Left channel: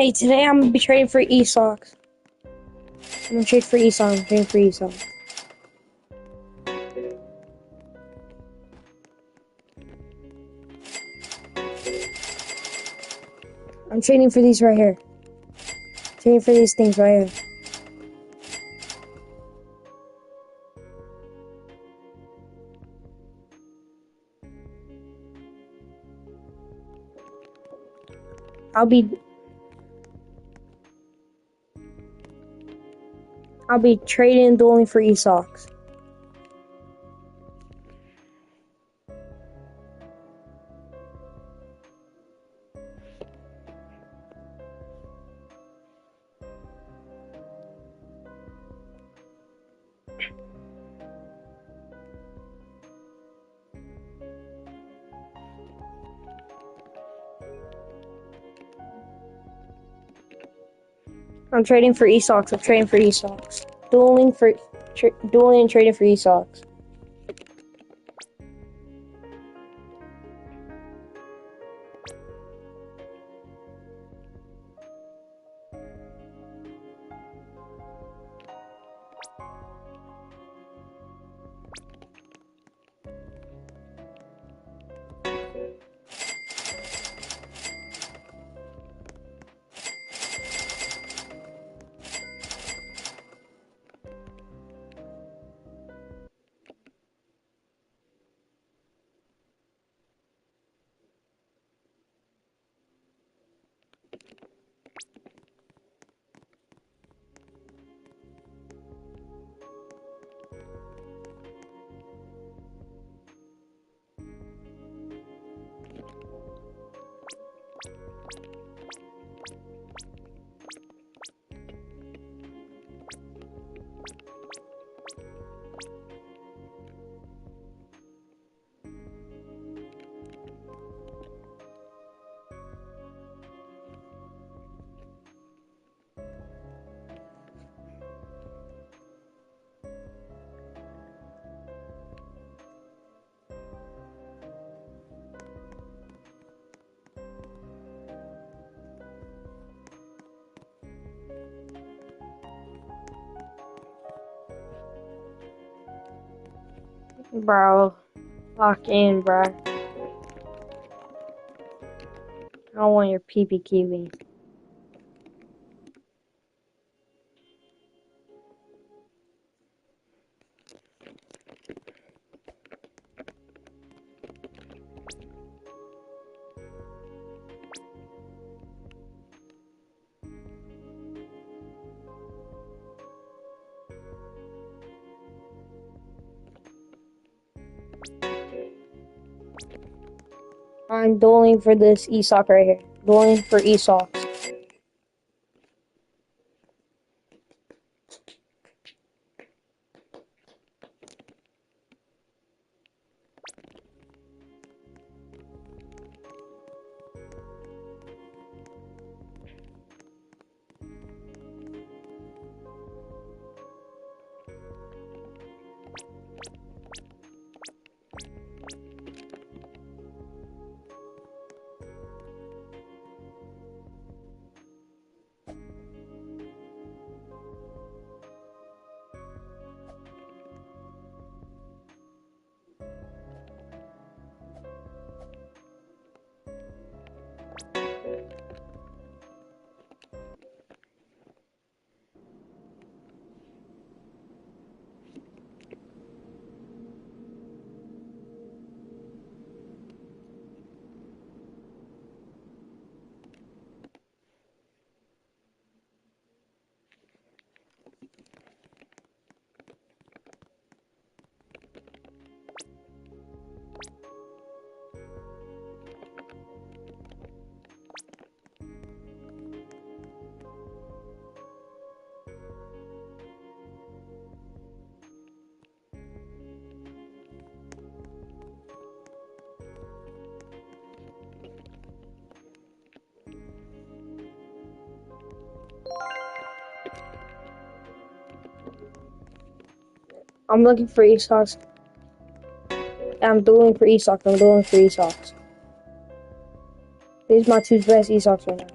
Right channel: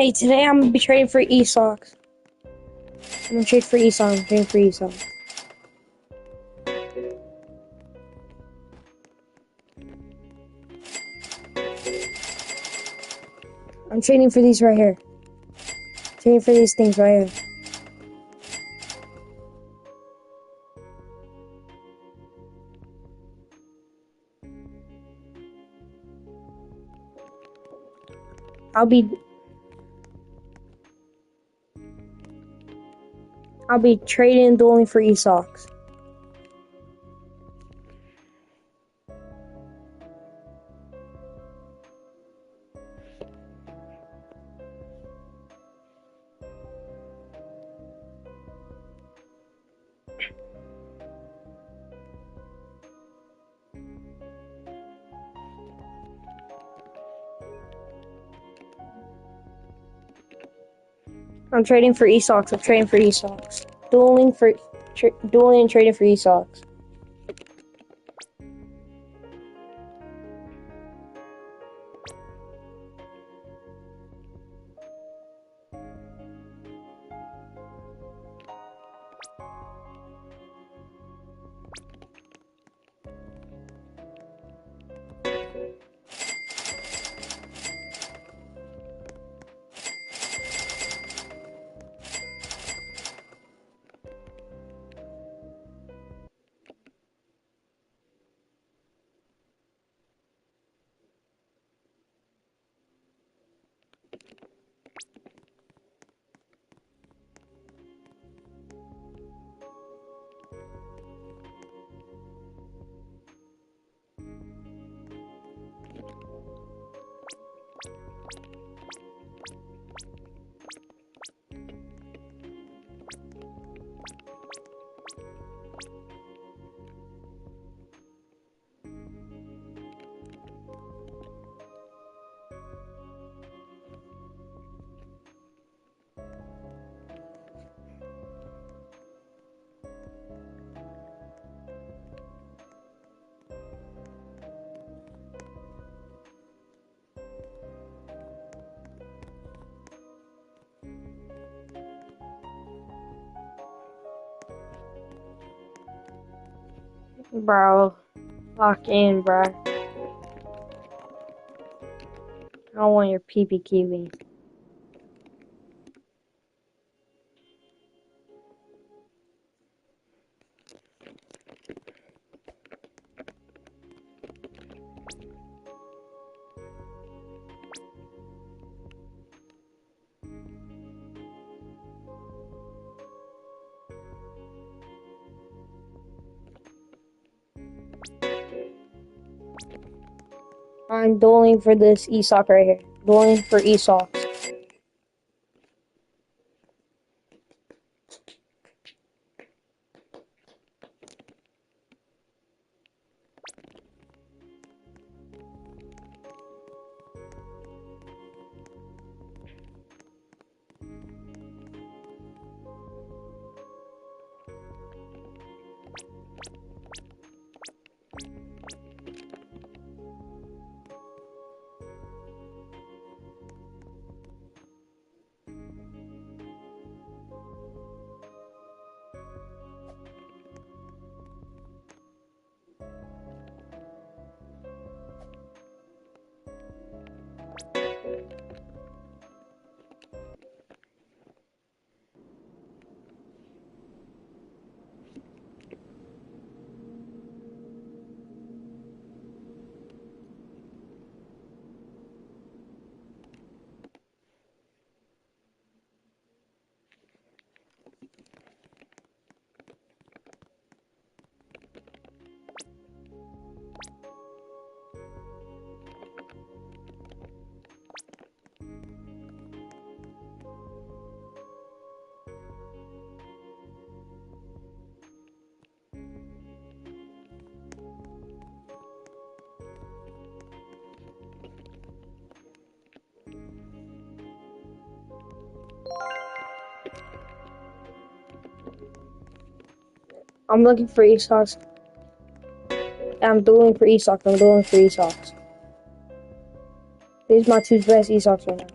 Hey, today I'm gonna be trading for Esok. I'm gonna trade for Esok. I'm trading for Esok. I'm trading for these right here. Trading for these things right here. I'll be trading and dueling for Esok. I'm trading for Esok. I'm trading for Esok. Dueling and trading for Esok. Bro, lock in, bro. I don't want your pee-pee kiwi. I'm dueling for this Esok right here. Dueling for Esok. I'm looking for Esok. I'm dueling for Esok. I'm dueling for Esok. These are my two best Esoks right now.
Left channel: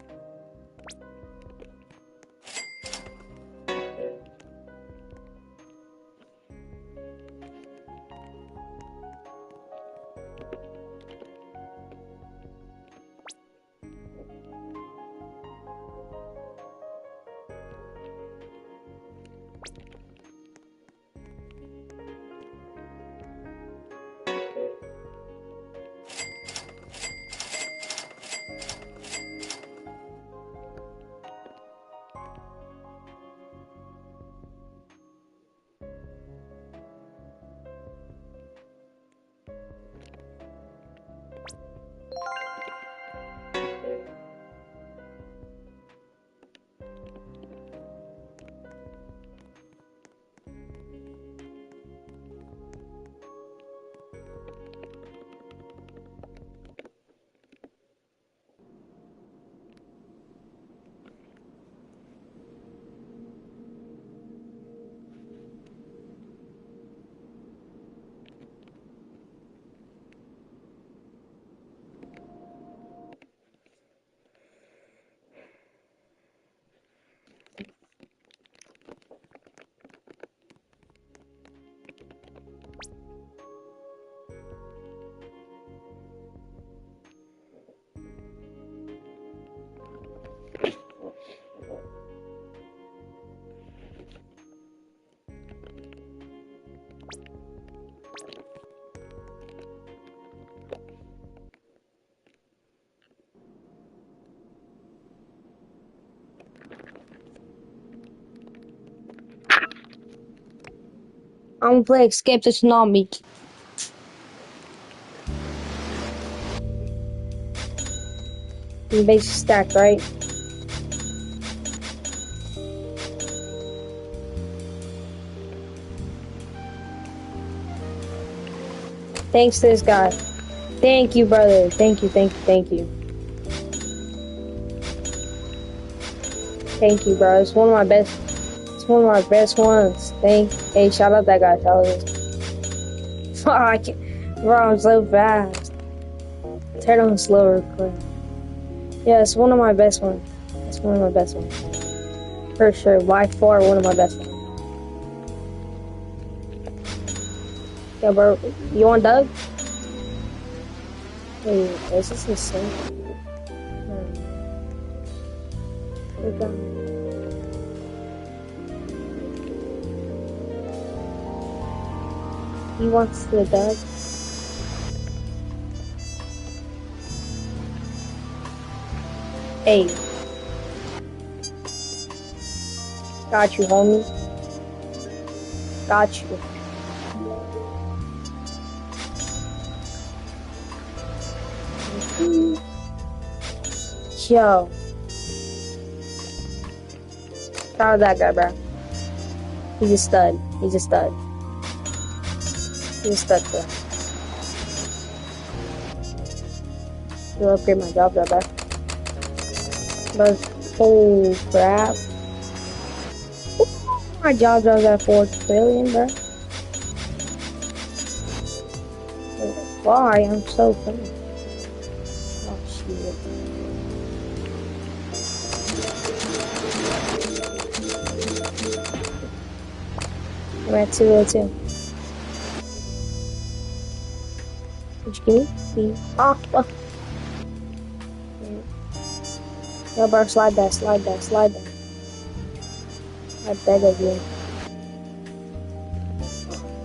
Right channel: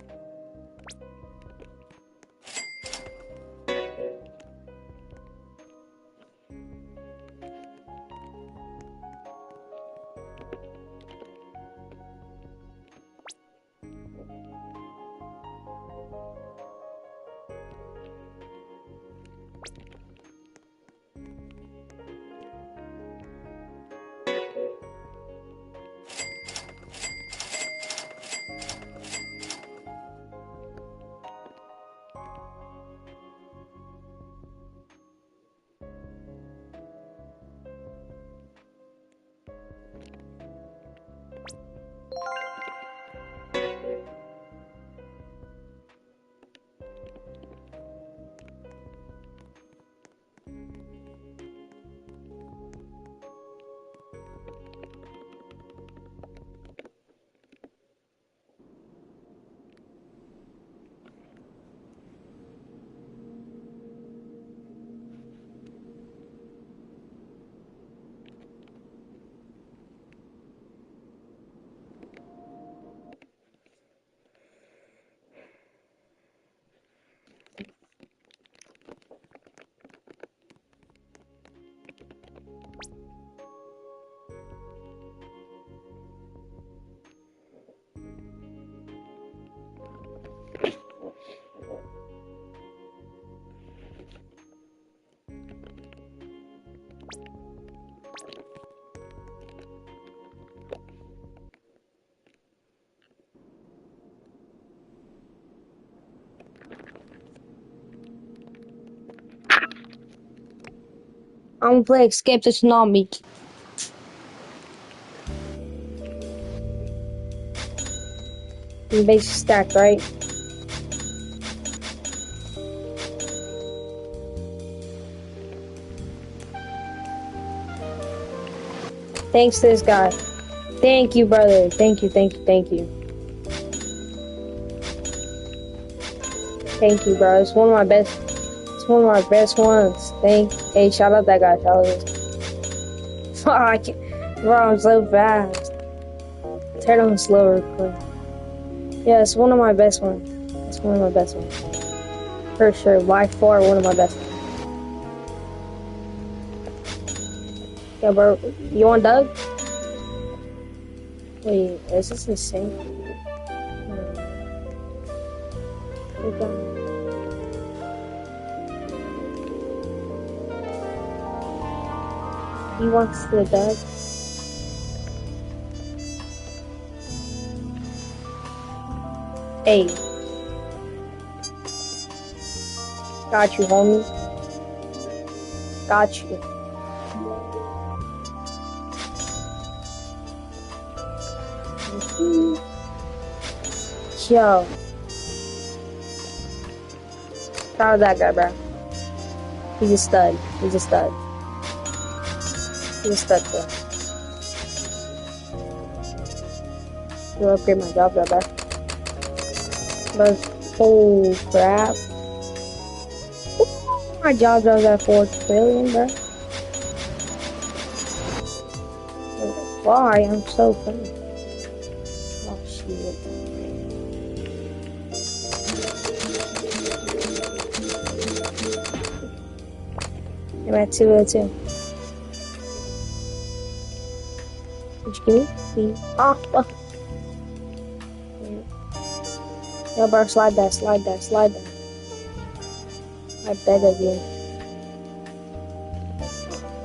I'm gonna play Escape the Tsunami. The base stack, right? Thanks to this guy. Thank you, brother. Thank you, thank you, thank you. Thank you, bro. It's one of my best. It's one of my best ones. Hey, shout out that guy. Shout out this. Fuck, I can't. Bro, I'm so fast. Turn on slower, quick. Yeah, it's one of my best ones. It's one of my best ones. For sure, by far, one of my best ones. Yeah, bro. You want Doug? Wait, is this insane? He wants the Doug. Hey. Got you, homie. Got you. Yo. Shout out that guy, bro. He's a stud. He's a stud. He's a stud, bro. He'll upgrade my job, bro. But, oh, crap. My job was at 4 trillion, bro. Why? I'm so funny. Oh, shit. I'm at 202. What you give me? See? Oh, fuck. Yo, bro, slide that, slide that, slide that. I beg of you.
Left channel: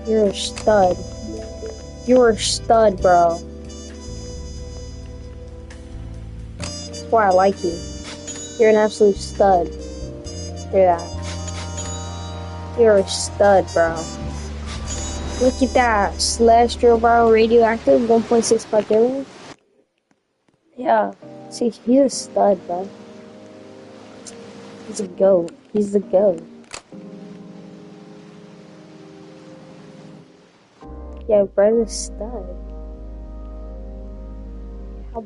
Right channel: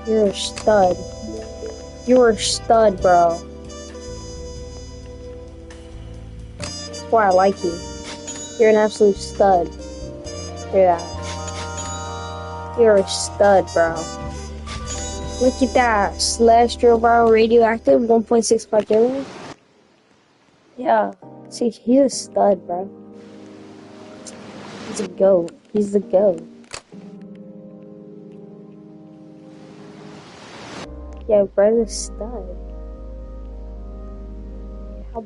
You're a stud. You're a stud, bro. That's why I like you. You're an absolute stud. Hear that? You're a stud, bro. Look at that. Celestial, bro. Radioactive, 1.65 billion. Yeah. See, he's a stud, bro. He's a goat. He's the goat. Yeah, brother's stud. How?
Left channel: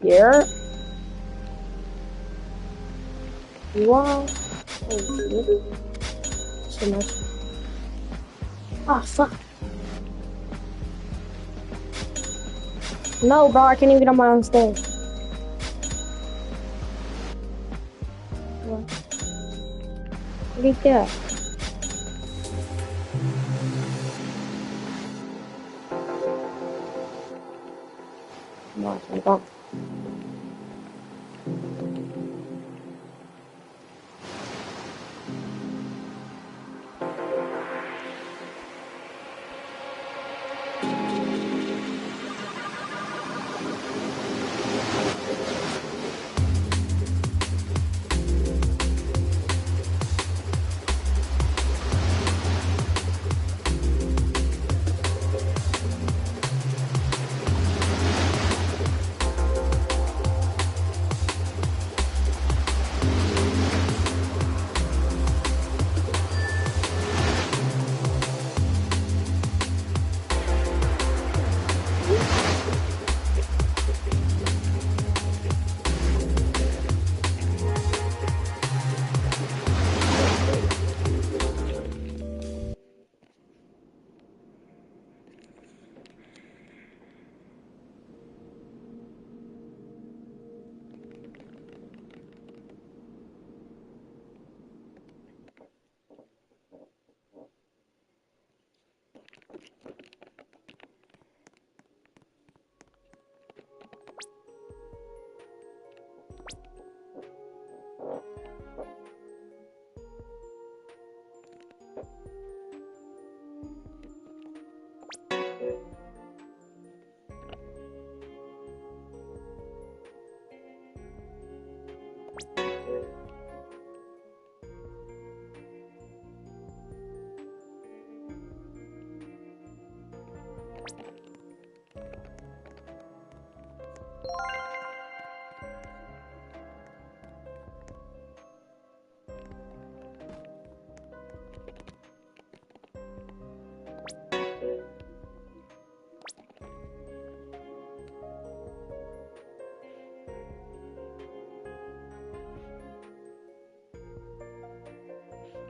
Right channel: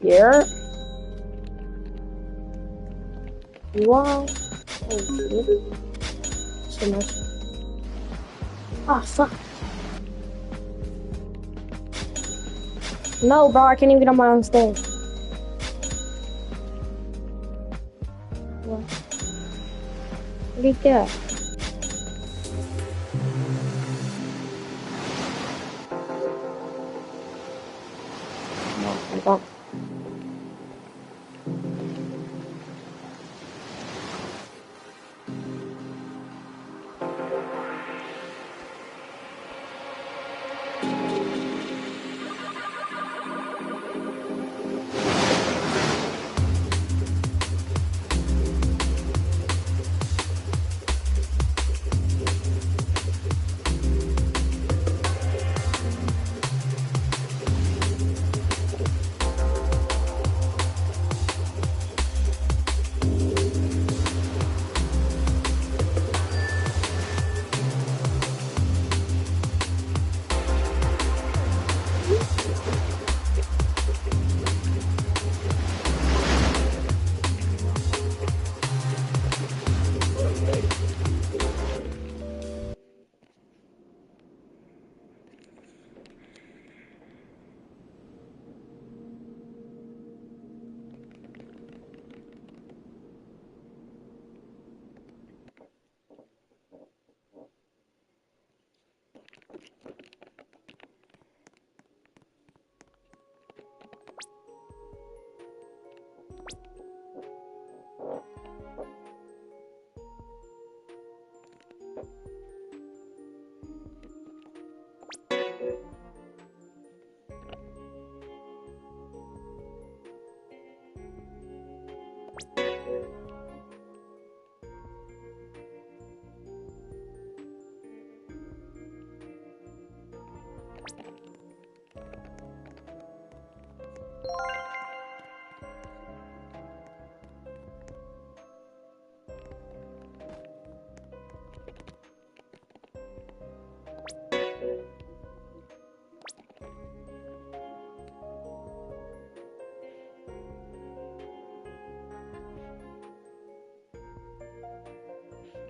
Here? Wow. Oh, so much. Ah, fuck. No, bro, I can't even get on my own stage. What? What do you get? No, I don't.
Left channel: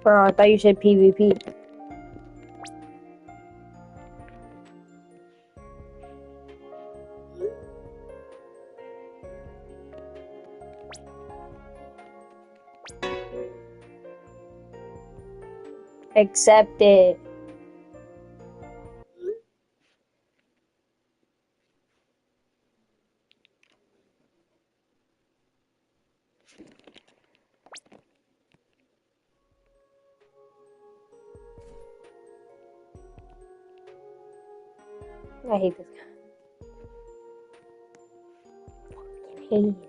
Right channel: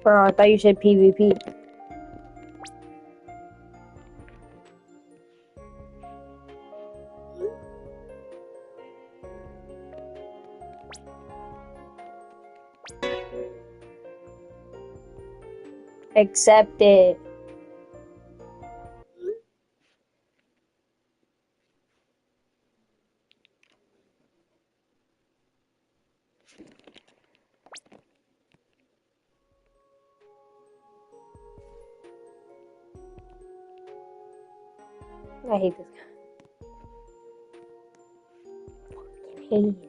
Bro, I thought you said PvP. Accept it. I hate this guy. Fucking hate it.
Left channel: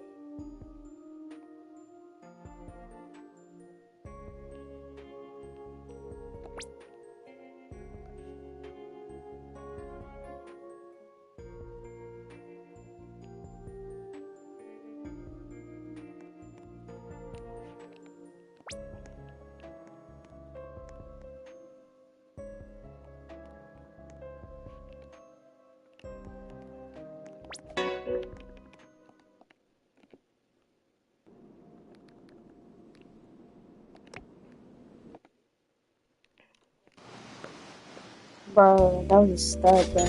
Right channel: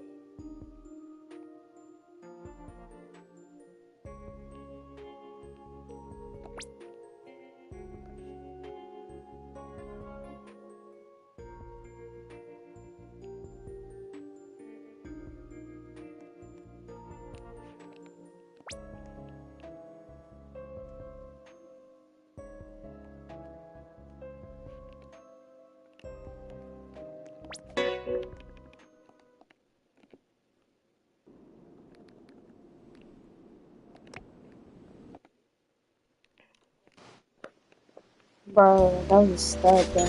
Bro, that was a stud, bro.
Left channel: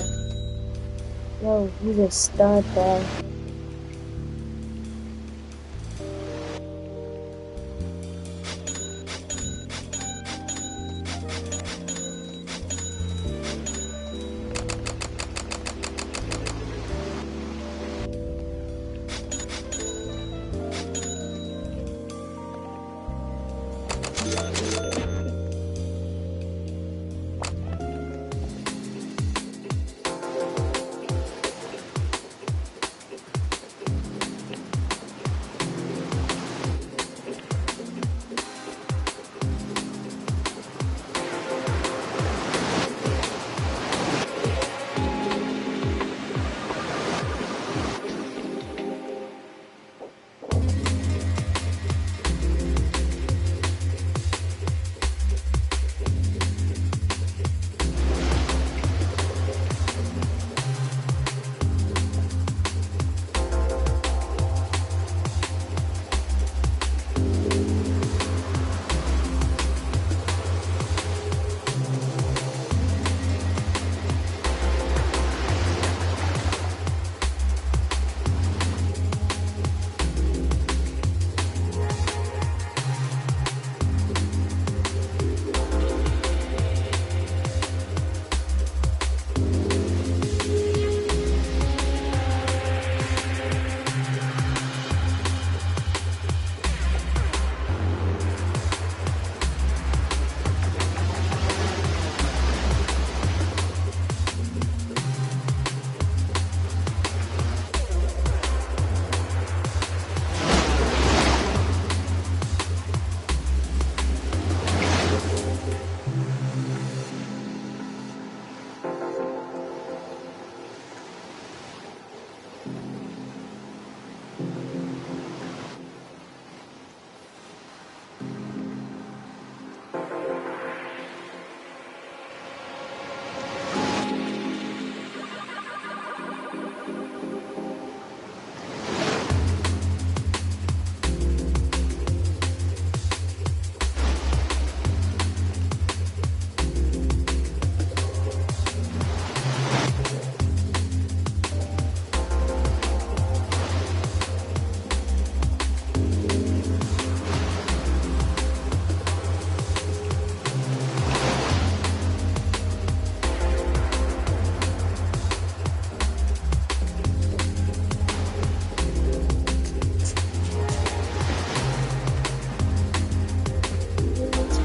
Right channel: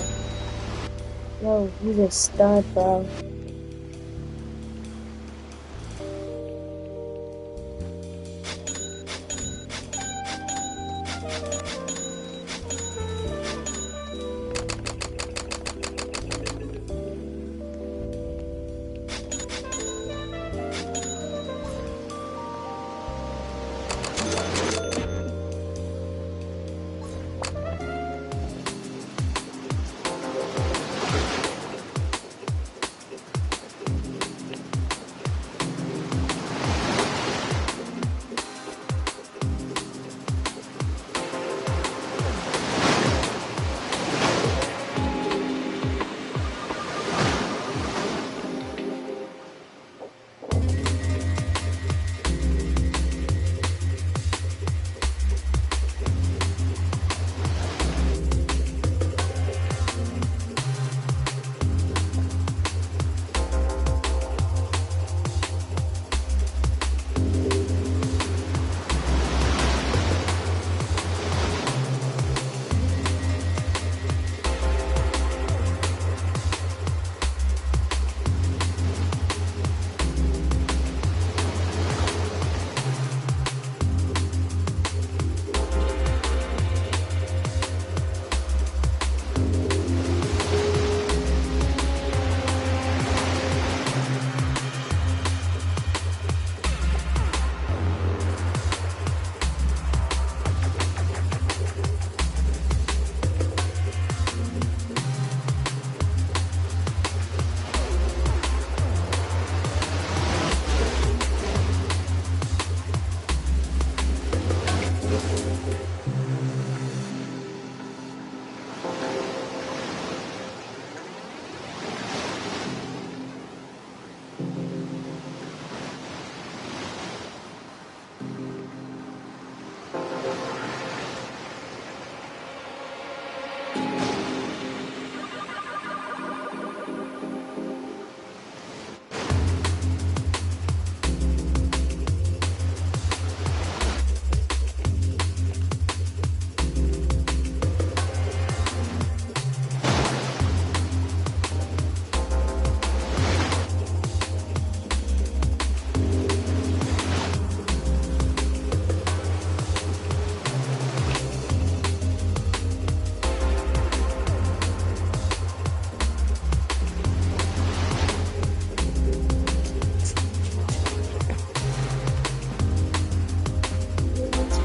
Yo, he's a stud, bro.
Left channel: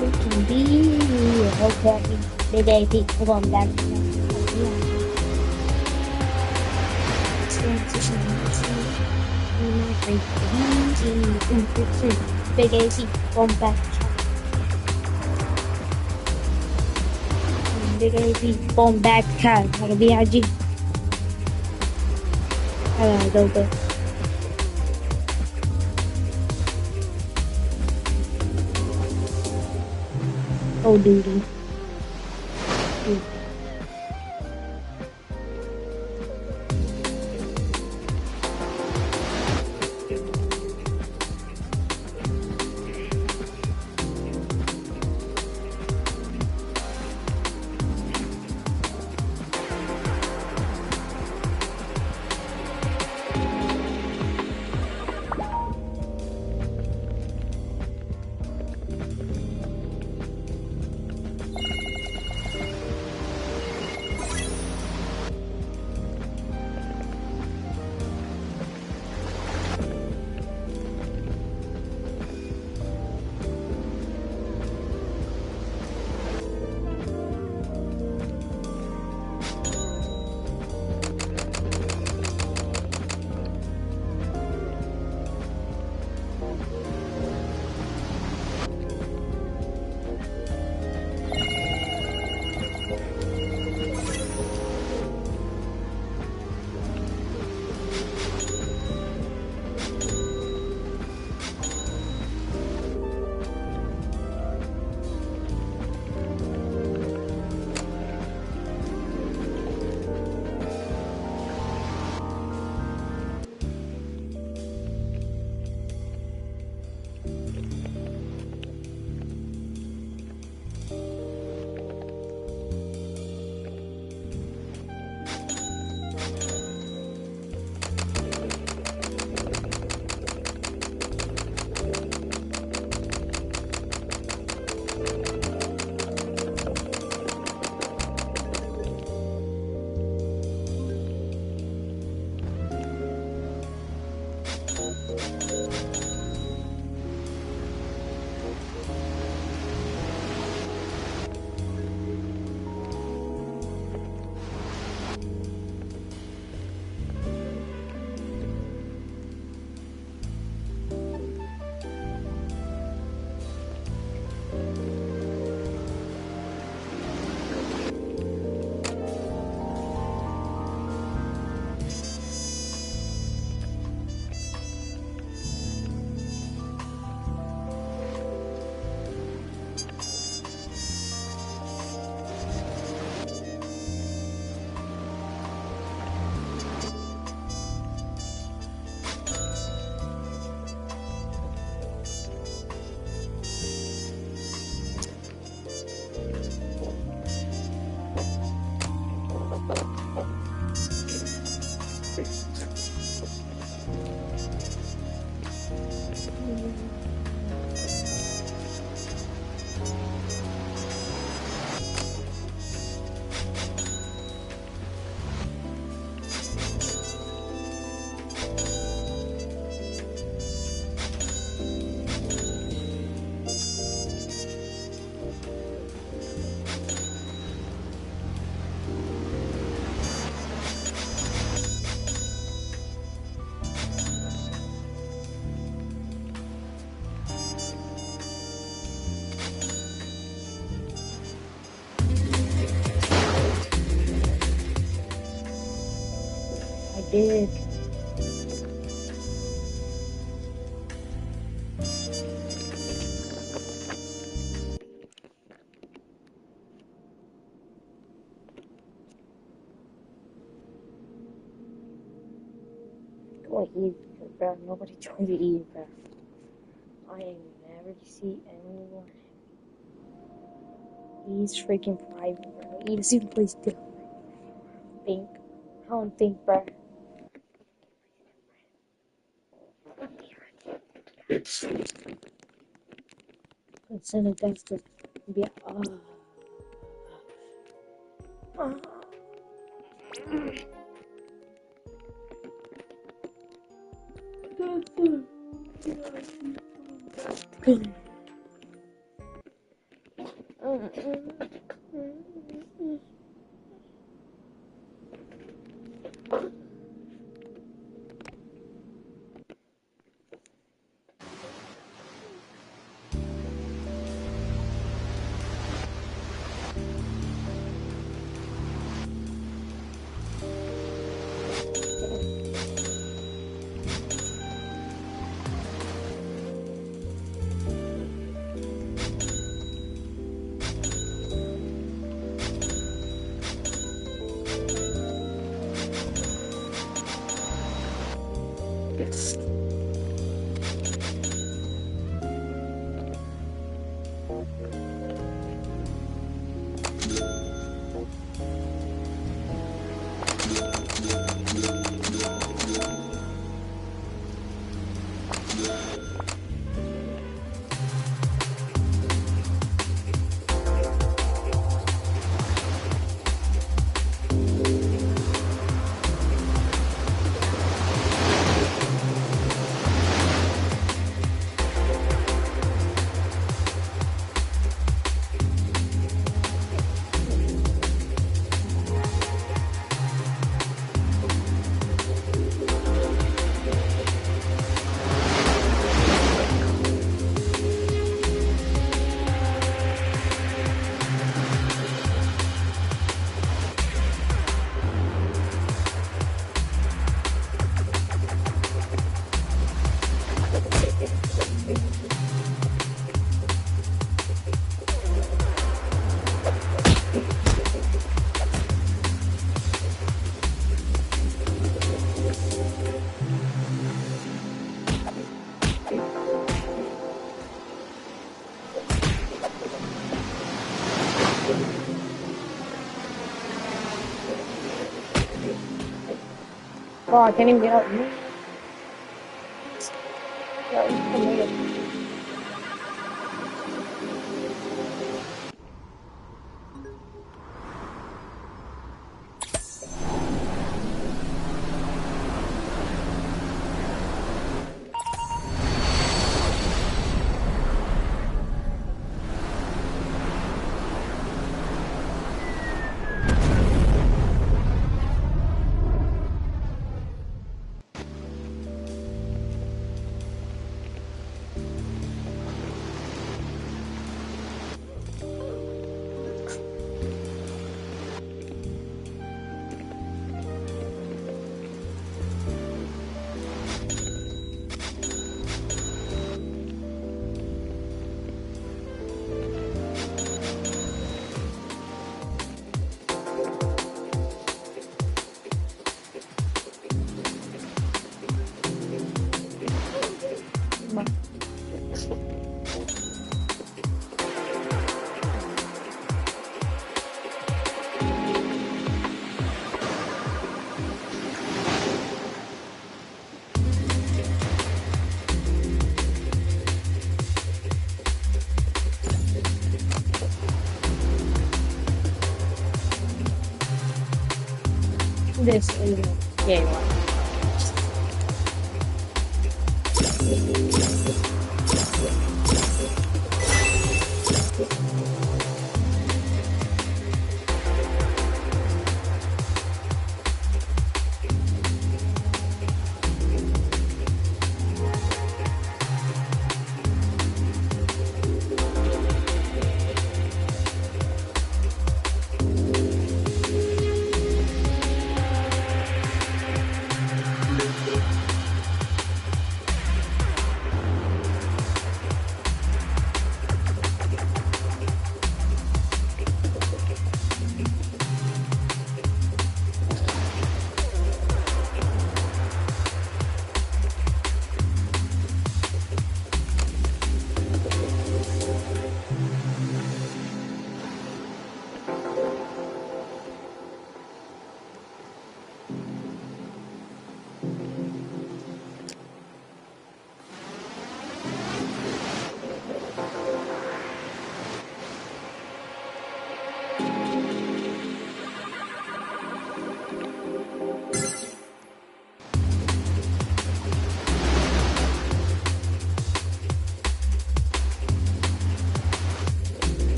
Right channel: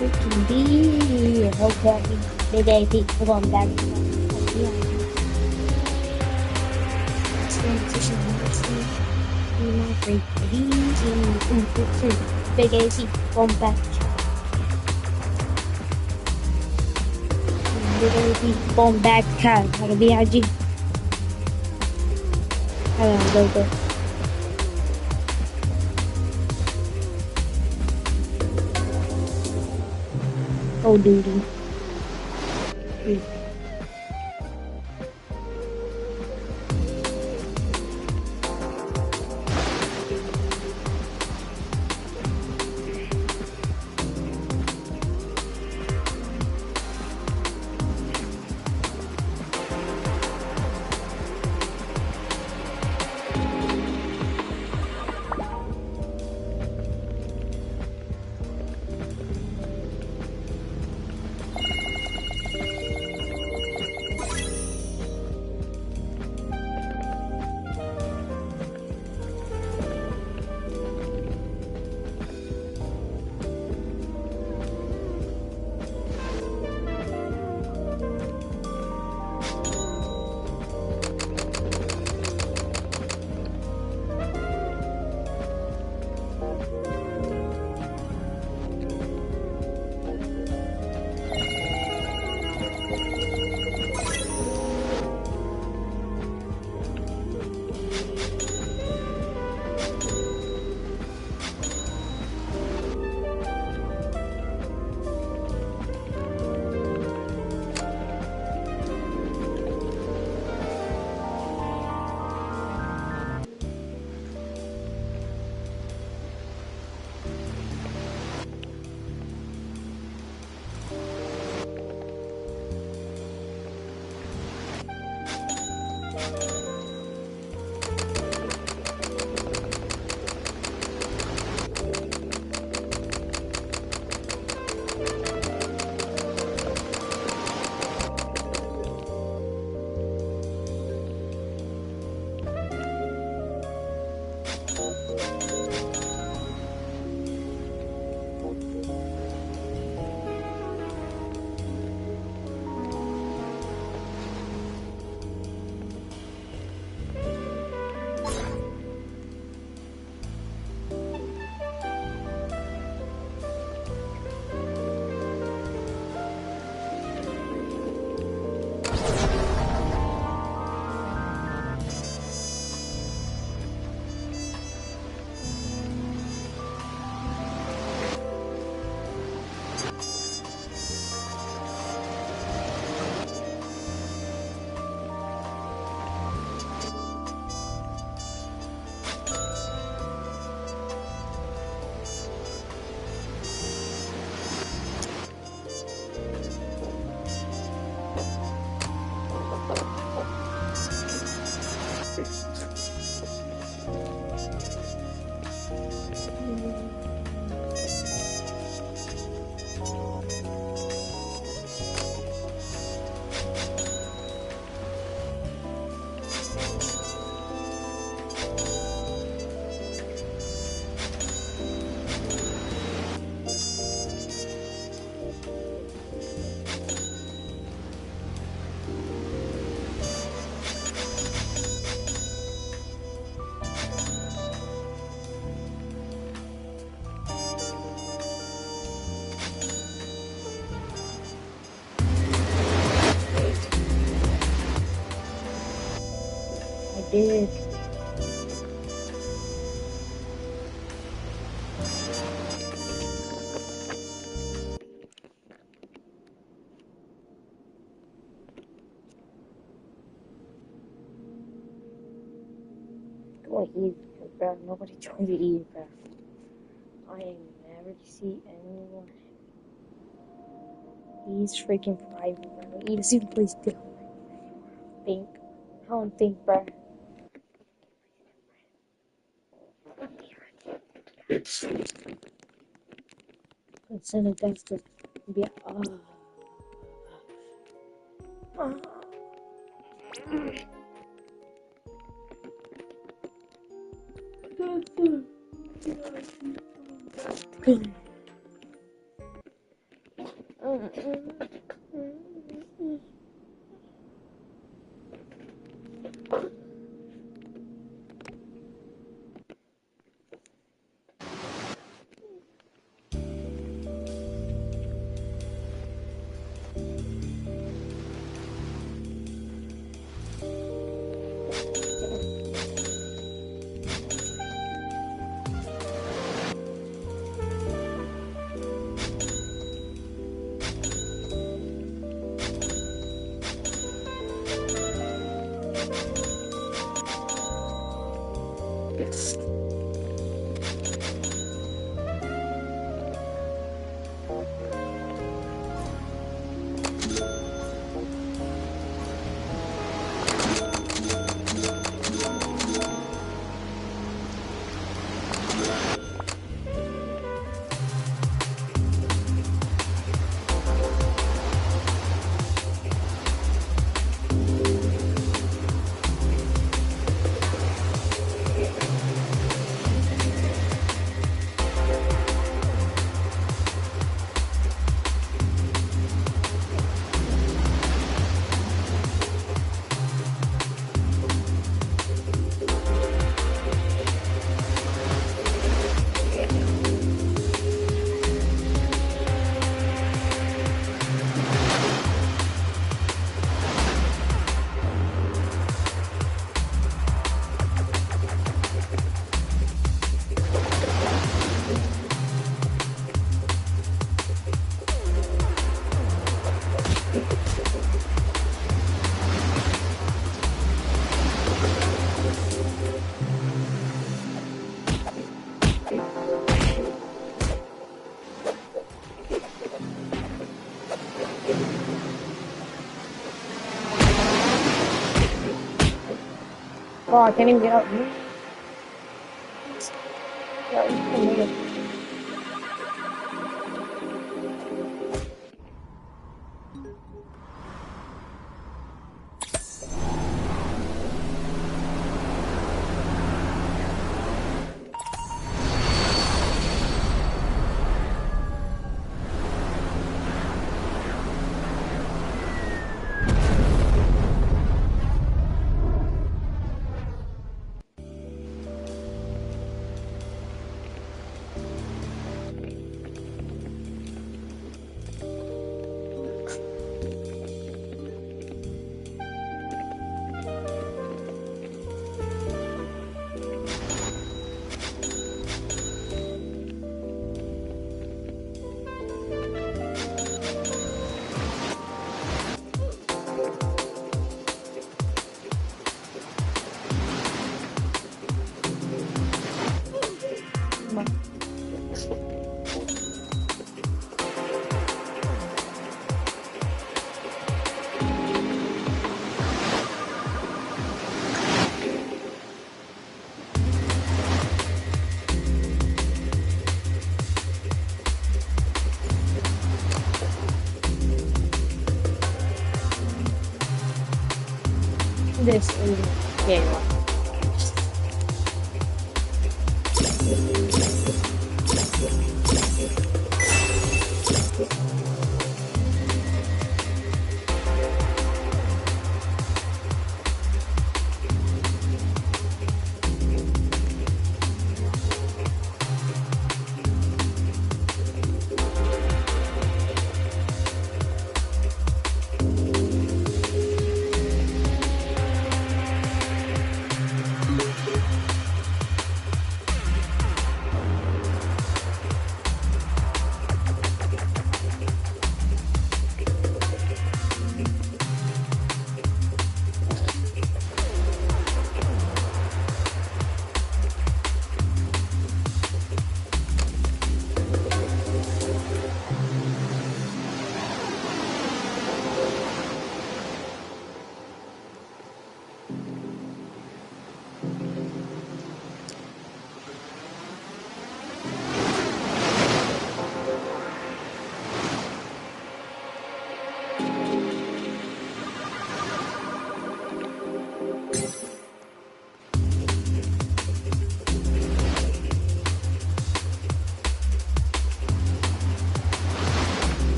Freaking be okay. Big AP. We're going back to transition. Let's see. My freaking Big AC, bomb back. Big AC, bomb back cat, like a BIG. Go. Oh, duty. Did. Go eat, bro. Nobody joined to eat, bro. I ain't never see anyone. He's freaking private, bro. He doesn't even play still. Think. I don't think, bro. Send a text to be Oh, I can't even get out. Yeah, you can make it. This is game one.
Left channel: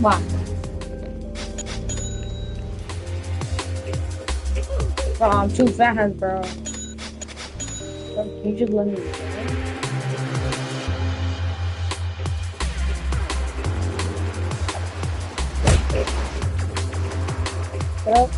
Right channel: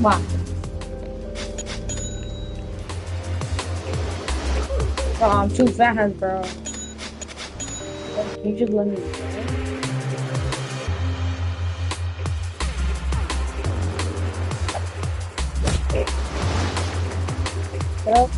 Wow. Bro, I'm too fast, bro. You just let me play. Yep.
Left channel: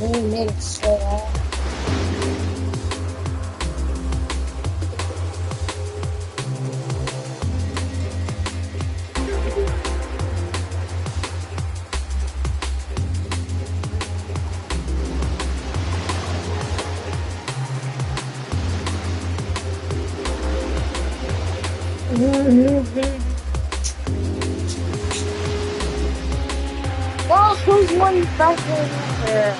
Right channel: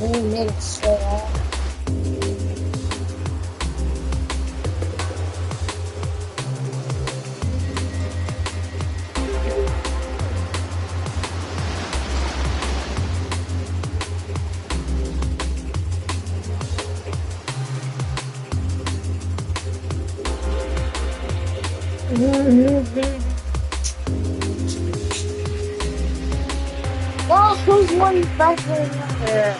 Really made it so hard. there's one back there.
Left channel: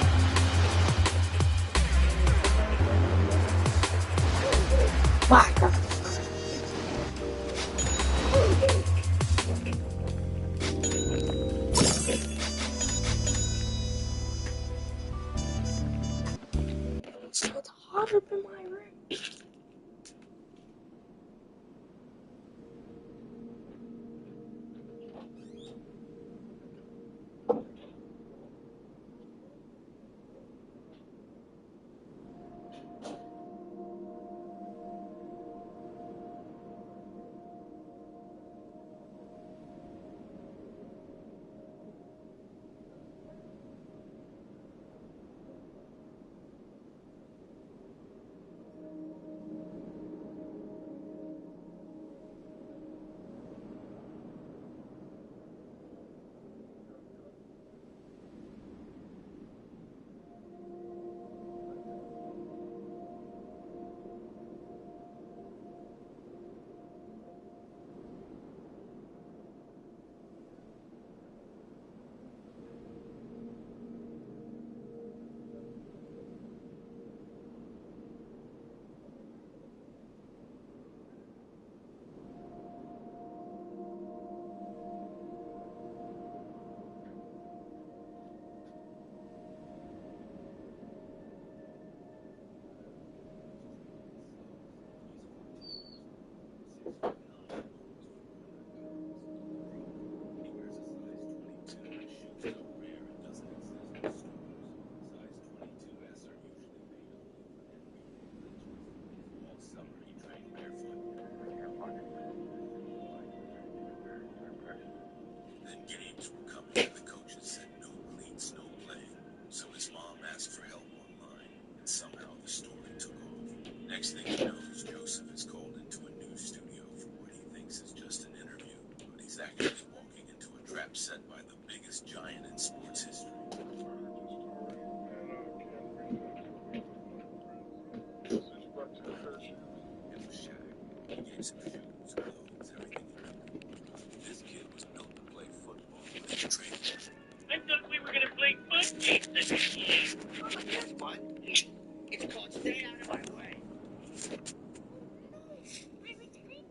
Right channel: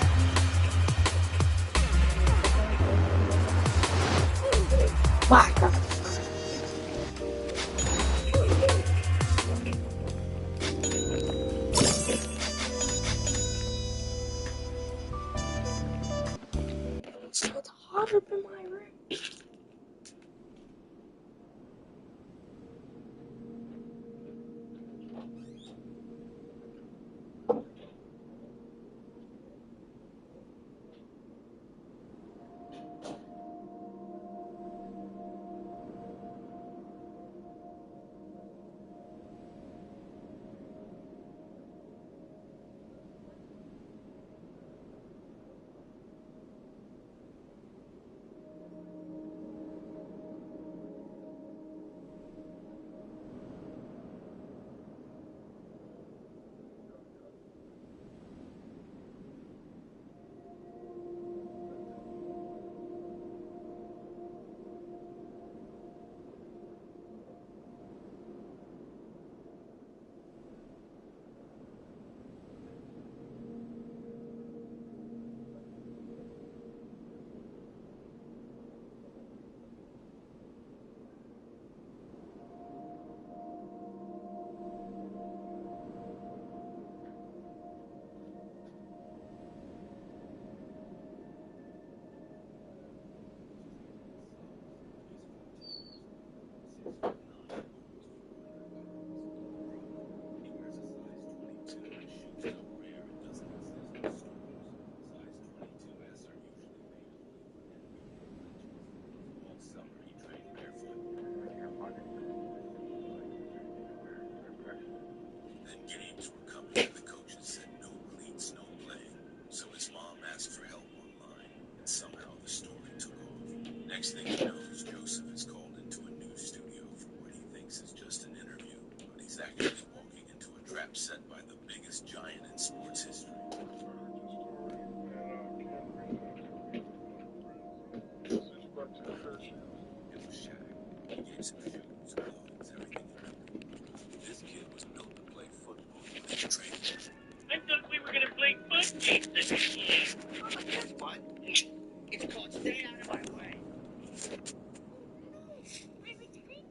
My God. It's hot up in my room. Games were coming, and the coaches said no cleats, no play. So his mom asked for help online, and somehow the story took off. Next thing he knows, Joseph is called into a news studio for what he thinks is just an interview, but he's actually walking into a trap set by the biggest giant in sports history. It was Shaq. He gave some shoes, clothes, everything he could. This kid was built to play football and train. I thought we were gonna play foot games this year. But guess what? It's called Stay Out of My Way.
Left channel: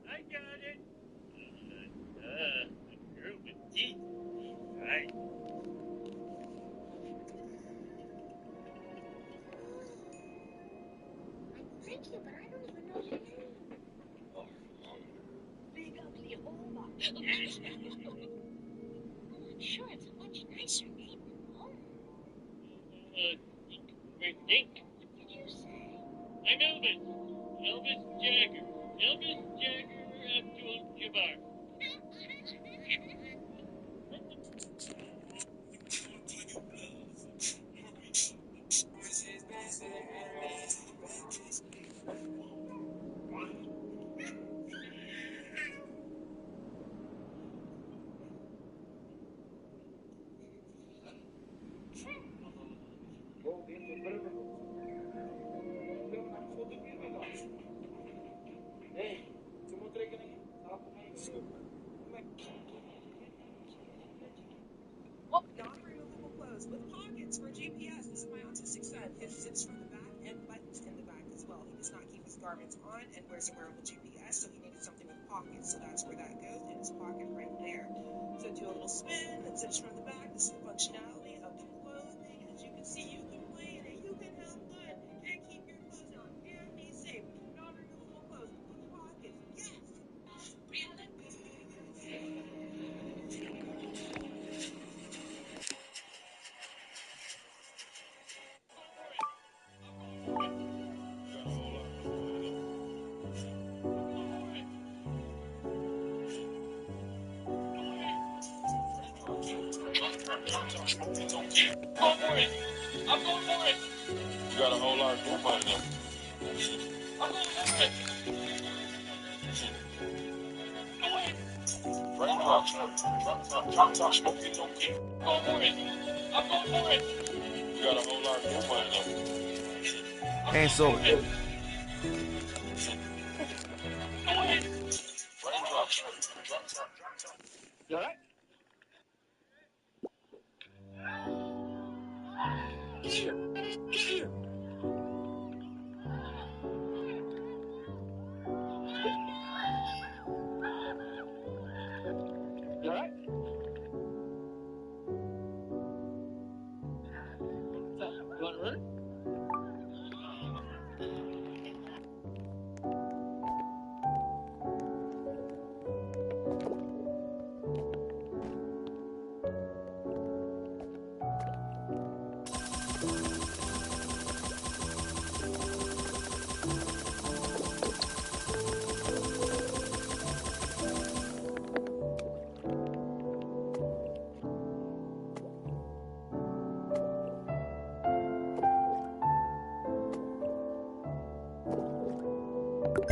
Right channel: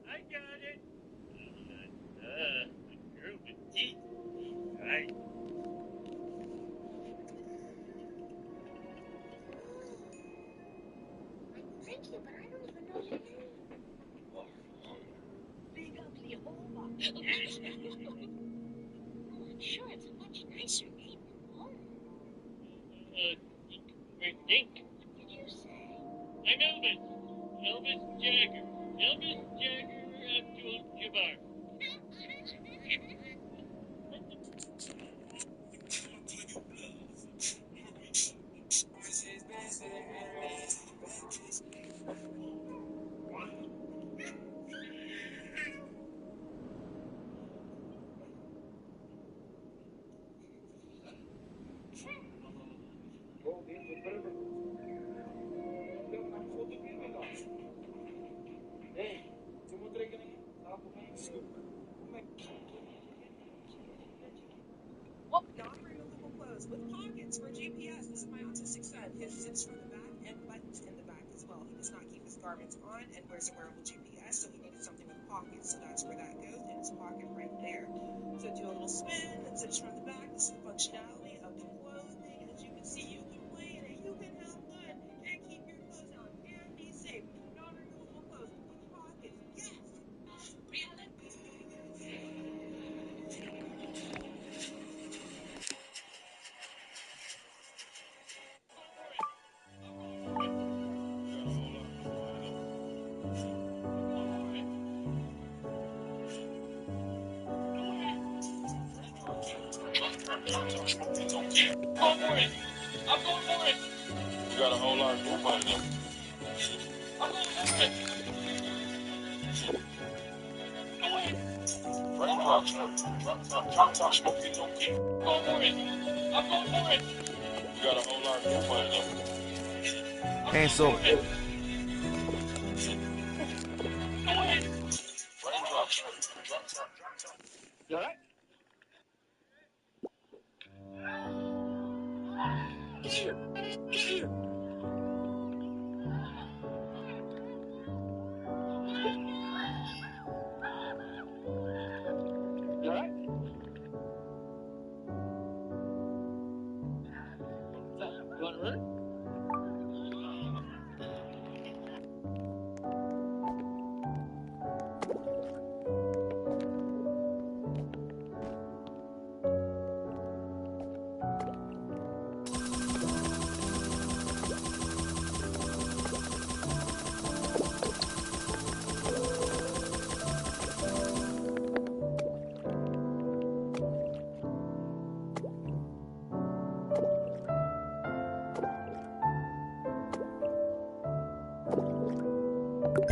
I got it. A girl with teeth. Right. Thank you, but I don't even know your name. Big Ugly Hova. Oh, I'm sure it's a much nicer name than Home. Dink. What did you say? I'm Elvis. Elvis Jagger. Elvis Jagger Abdul-Jabbar. Non-removable clothes with pockets for GPS. This is my autistic son. His zips from the back and buttons in the back as well. He does not keep his garments on and wears a wearable GPS, so he needed something with pockets. So that's where that goes, in his pocket right there. So do a little spin, that zips from the back. This is the functionality of the clothing. As you can see, you can play in it, you can have fun, and keep your clothes on and be safe. Non-removable clothes with pockets. Yes! Go for it. I'm going for it. You got a whole lot of group on them. I'm going for it. Away. Raindrops. Smoky, smoky. Go for it. I'm going for it. You got a whole lot of group on them. Esok. Away. Raindrops. You all right? Today's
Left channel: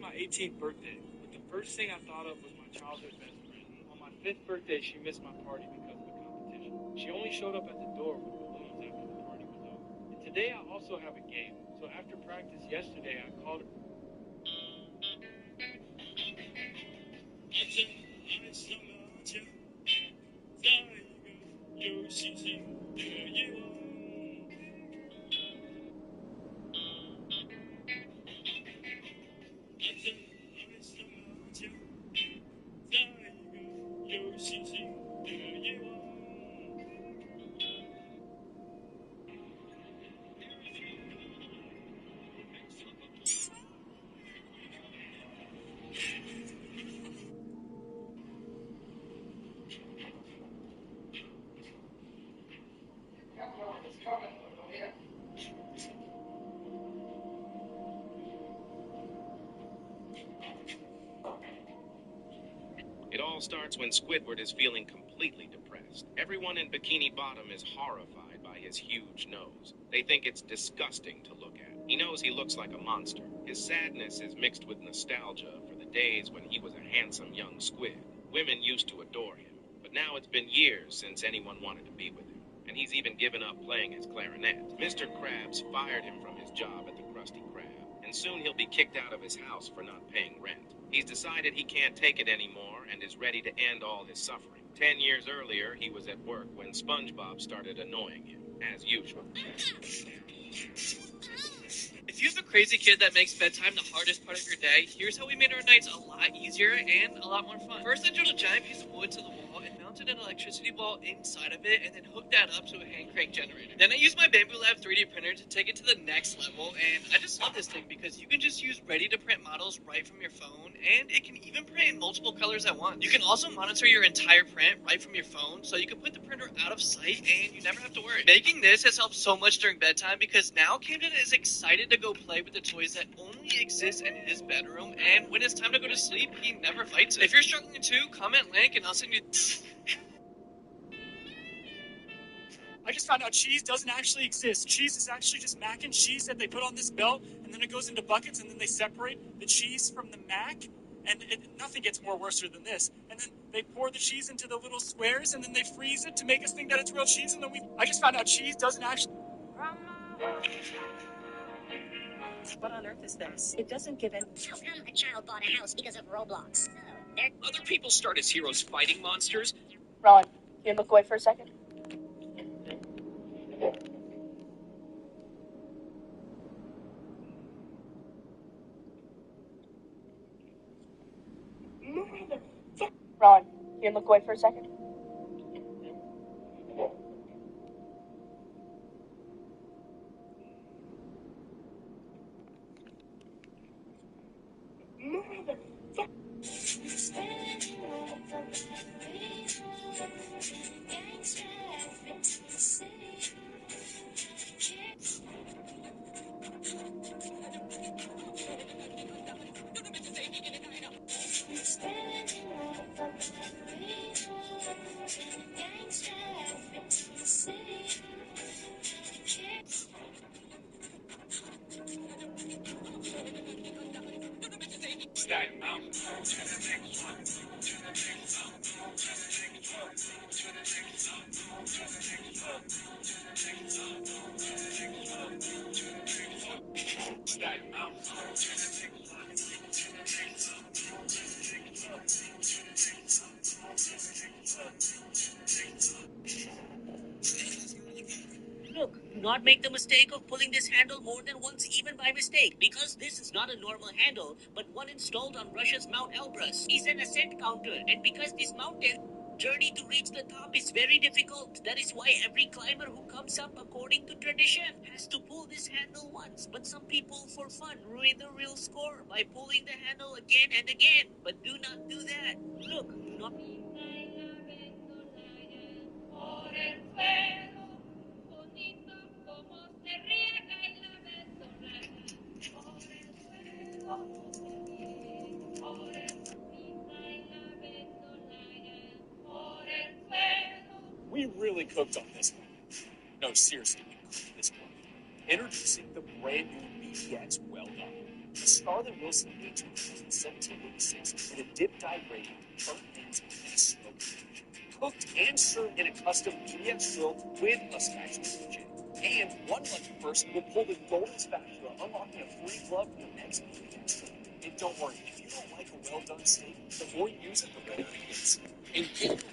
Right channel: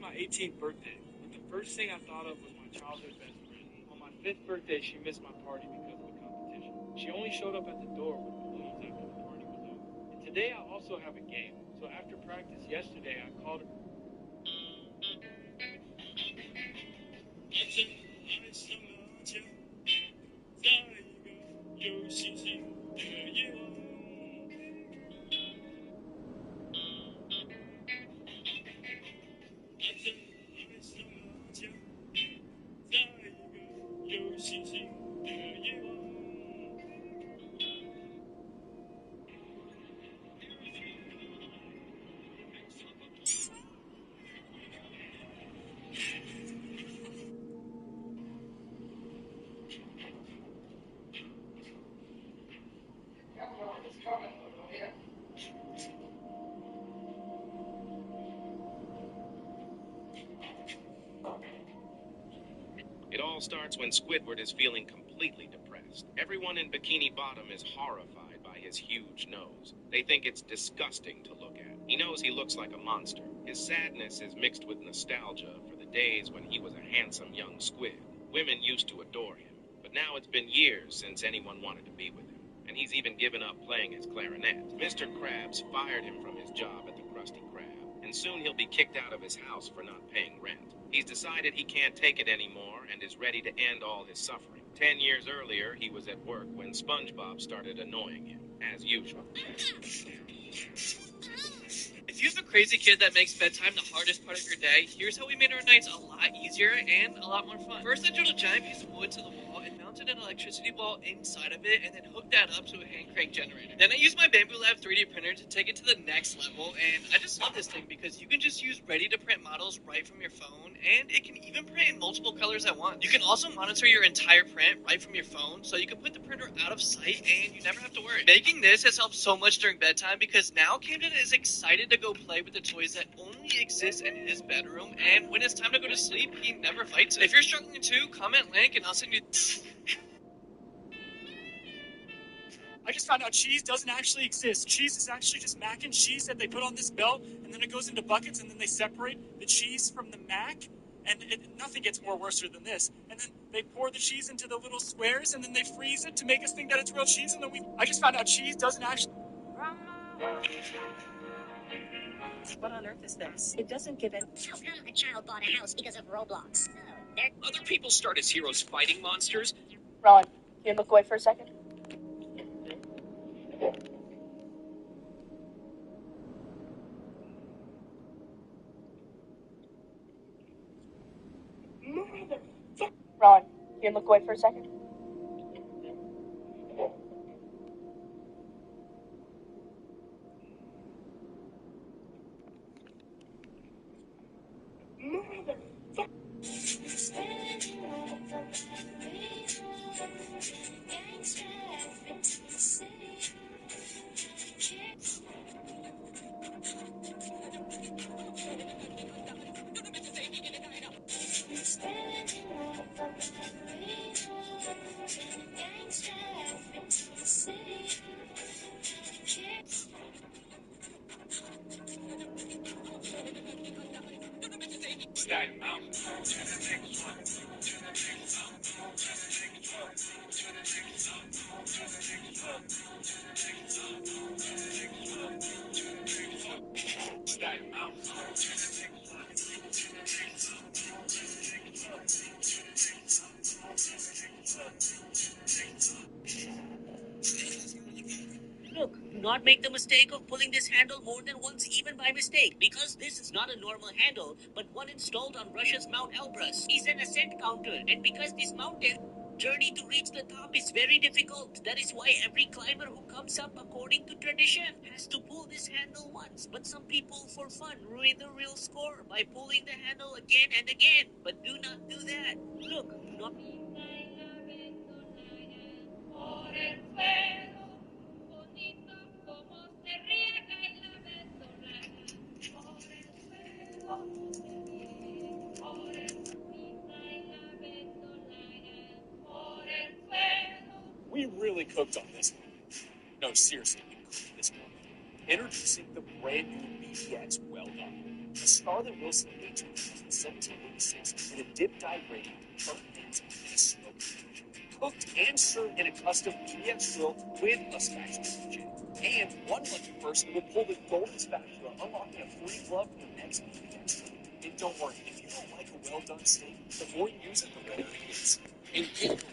my 18th birthday, but the first thing I thought of was my childhood best friend. On my 5th birthday, she missed my party because of the competition. She only showed up at the door with balloons after the party was over. And today I also have a game. So after practice yesterday, I called her. It all starts when Squidward is feeling completely depressed. Everyone in Bikini Bottom is horrified by his huge nose. They think it's disgusting to look at. He knows he looks like a monster. His sadness is mixed with nostalgia for the days when he was a handsome young squid. Women used to adore him, but now it's been years since anyone wanted to be with him. And he's even given up playing his clarinet. Mr. Krabs fired him from his job at the Krusty Krab, and soon he'll be kicked out of his house for not paying rent. He's decided he can't take it anymore and is ready to end all his suffering. 10 years earlier, he was at work when SpongeBob started annoying him, as usual. If you have a crazy kid that makes bedtime the hardest part of your day, here's how we made our nights a lot easier and a lot more fun. First, I drilled a giant piece of wood to the wall and mounted an electricity ball inside of it and then hooked that up to a hand crank generator. Then I used my Bamboo Lab 3D printer to take it to the next level, and I just love this thing because you can just use ready-to-print models right from your phone, and it can even print in multiple colors at once. You can also monitor your entire print right from your phone, so you can put the printer out of sight and you never have to worry. Making this has helped so much during bedtime because now Camden is excited to go play with the toys that only exist in his bedroom, and when it's time to go to sleep, he never fights it. If you're struggling too, comment link and I'll send you. I just found out cheese doesn't actually exist. Cheese is actually just mac and cheese that they put on this belt, and then it goes into buckets, and then they separate the cheese from the mac, and nothing gets more worse than this. And then they pour the cheese into the little squares, and then they freeze it to make us think that it's real cheese, and then I just found out cheese doesn't actually... What on earth is this? It doesn't give in. How come a child bought a house because of Roblox? Other people start as heroes fighting monsters. Ron, can you look away for a second? Ron, can you look away for a second? Look, do not make the mistake of pulling this handle more than once, even by mistake, because this is not a normal handle, but one installed on Russia's Mount Elbrus. It's an ascent counter, and because this mountain journey to reach the top is very difficult, that is why every climber who comes up according to tradition has to pull this handle once. But some people, for fun, ruin the real score by pulling the handle again and again. But do not do that. Look, do not... We really cooked on this one. No, seriously, we cooked this one. Introducing the brand new BTX Well Done. A Scarlett Wilson made in 1786 with a dip-dye rating, burnt ends, and a smoke finish. Cooked and served in a custom BTX grill with a spatula kitchen. And one lucky person will pull the golden spatula, unlocking a free glove for the next BTX grill. And don't worry, if you don't like a well-done steak, the more you use it, the better it gets. And get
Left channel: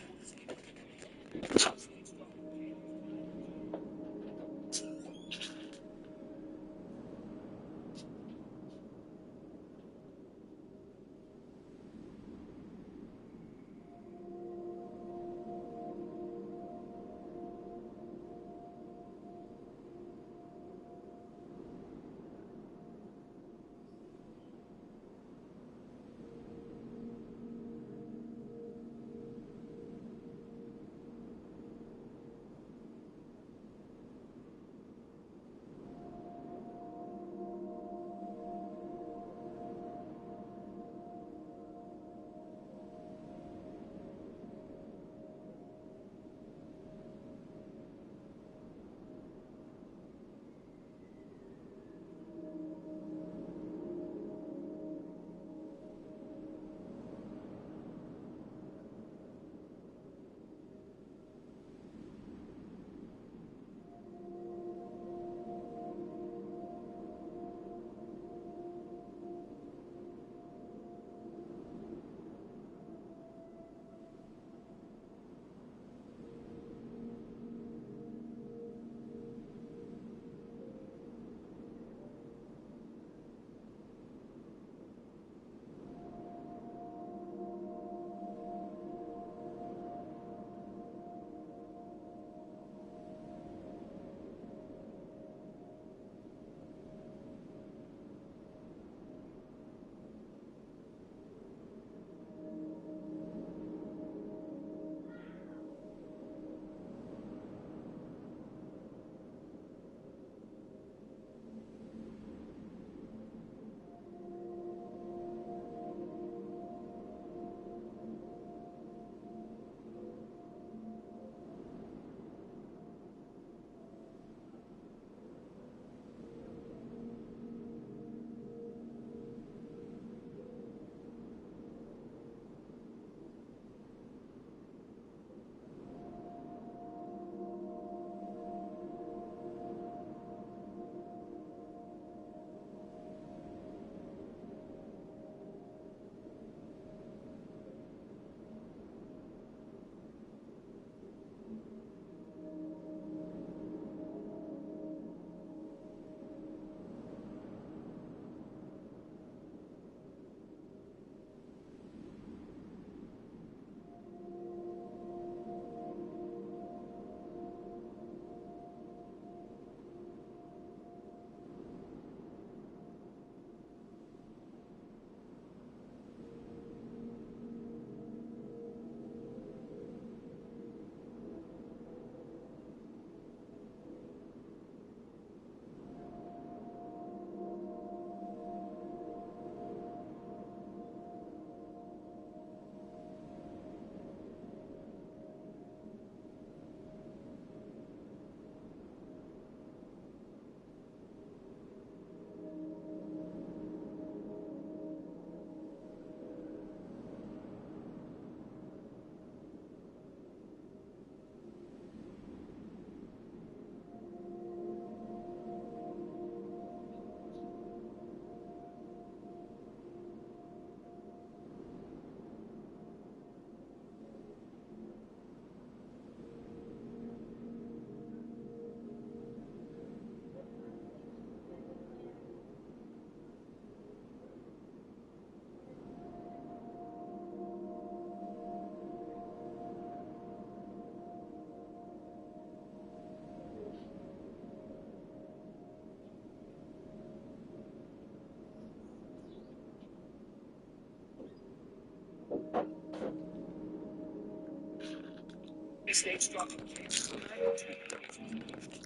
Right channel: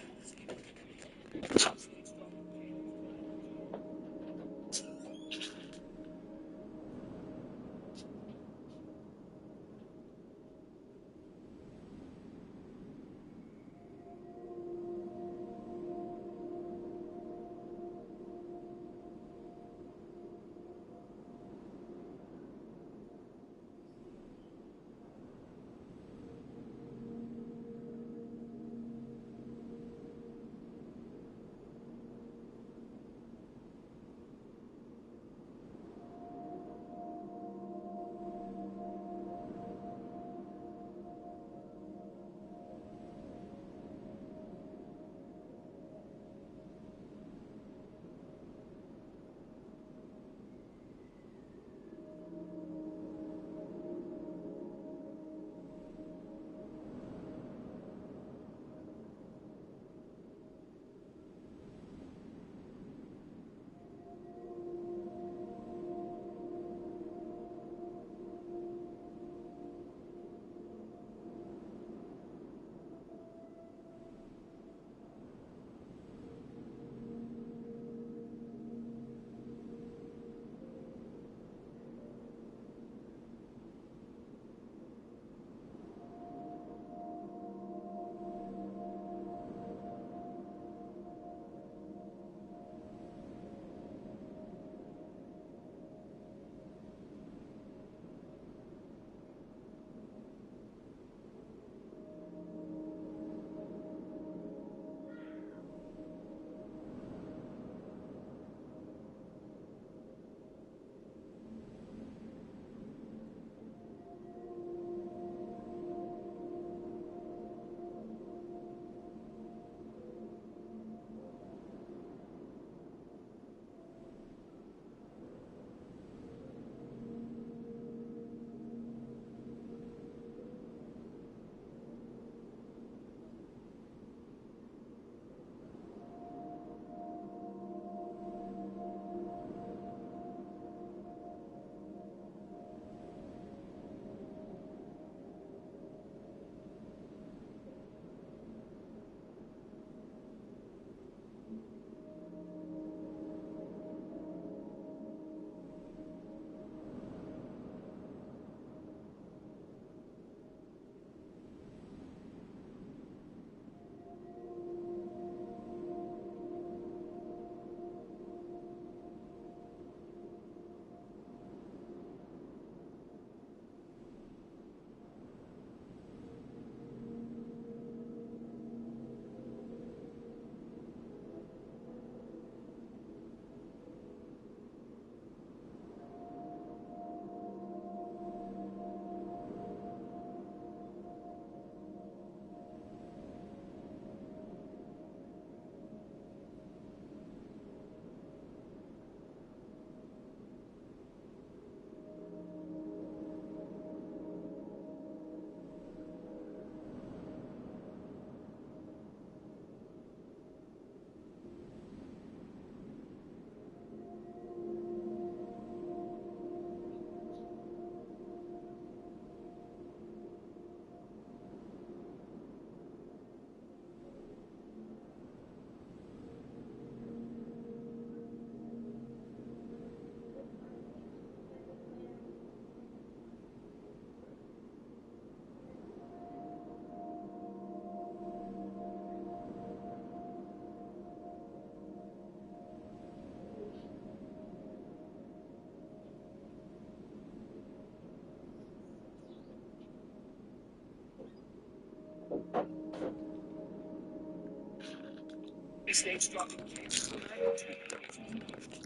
Mistakes dropping cakes.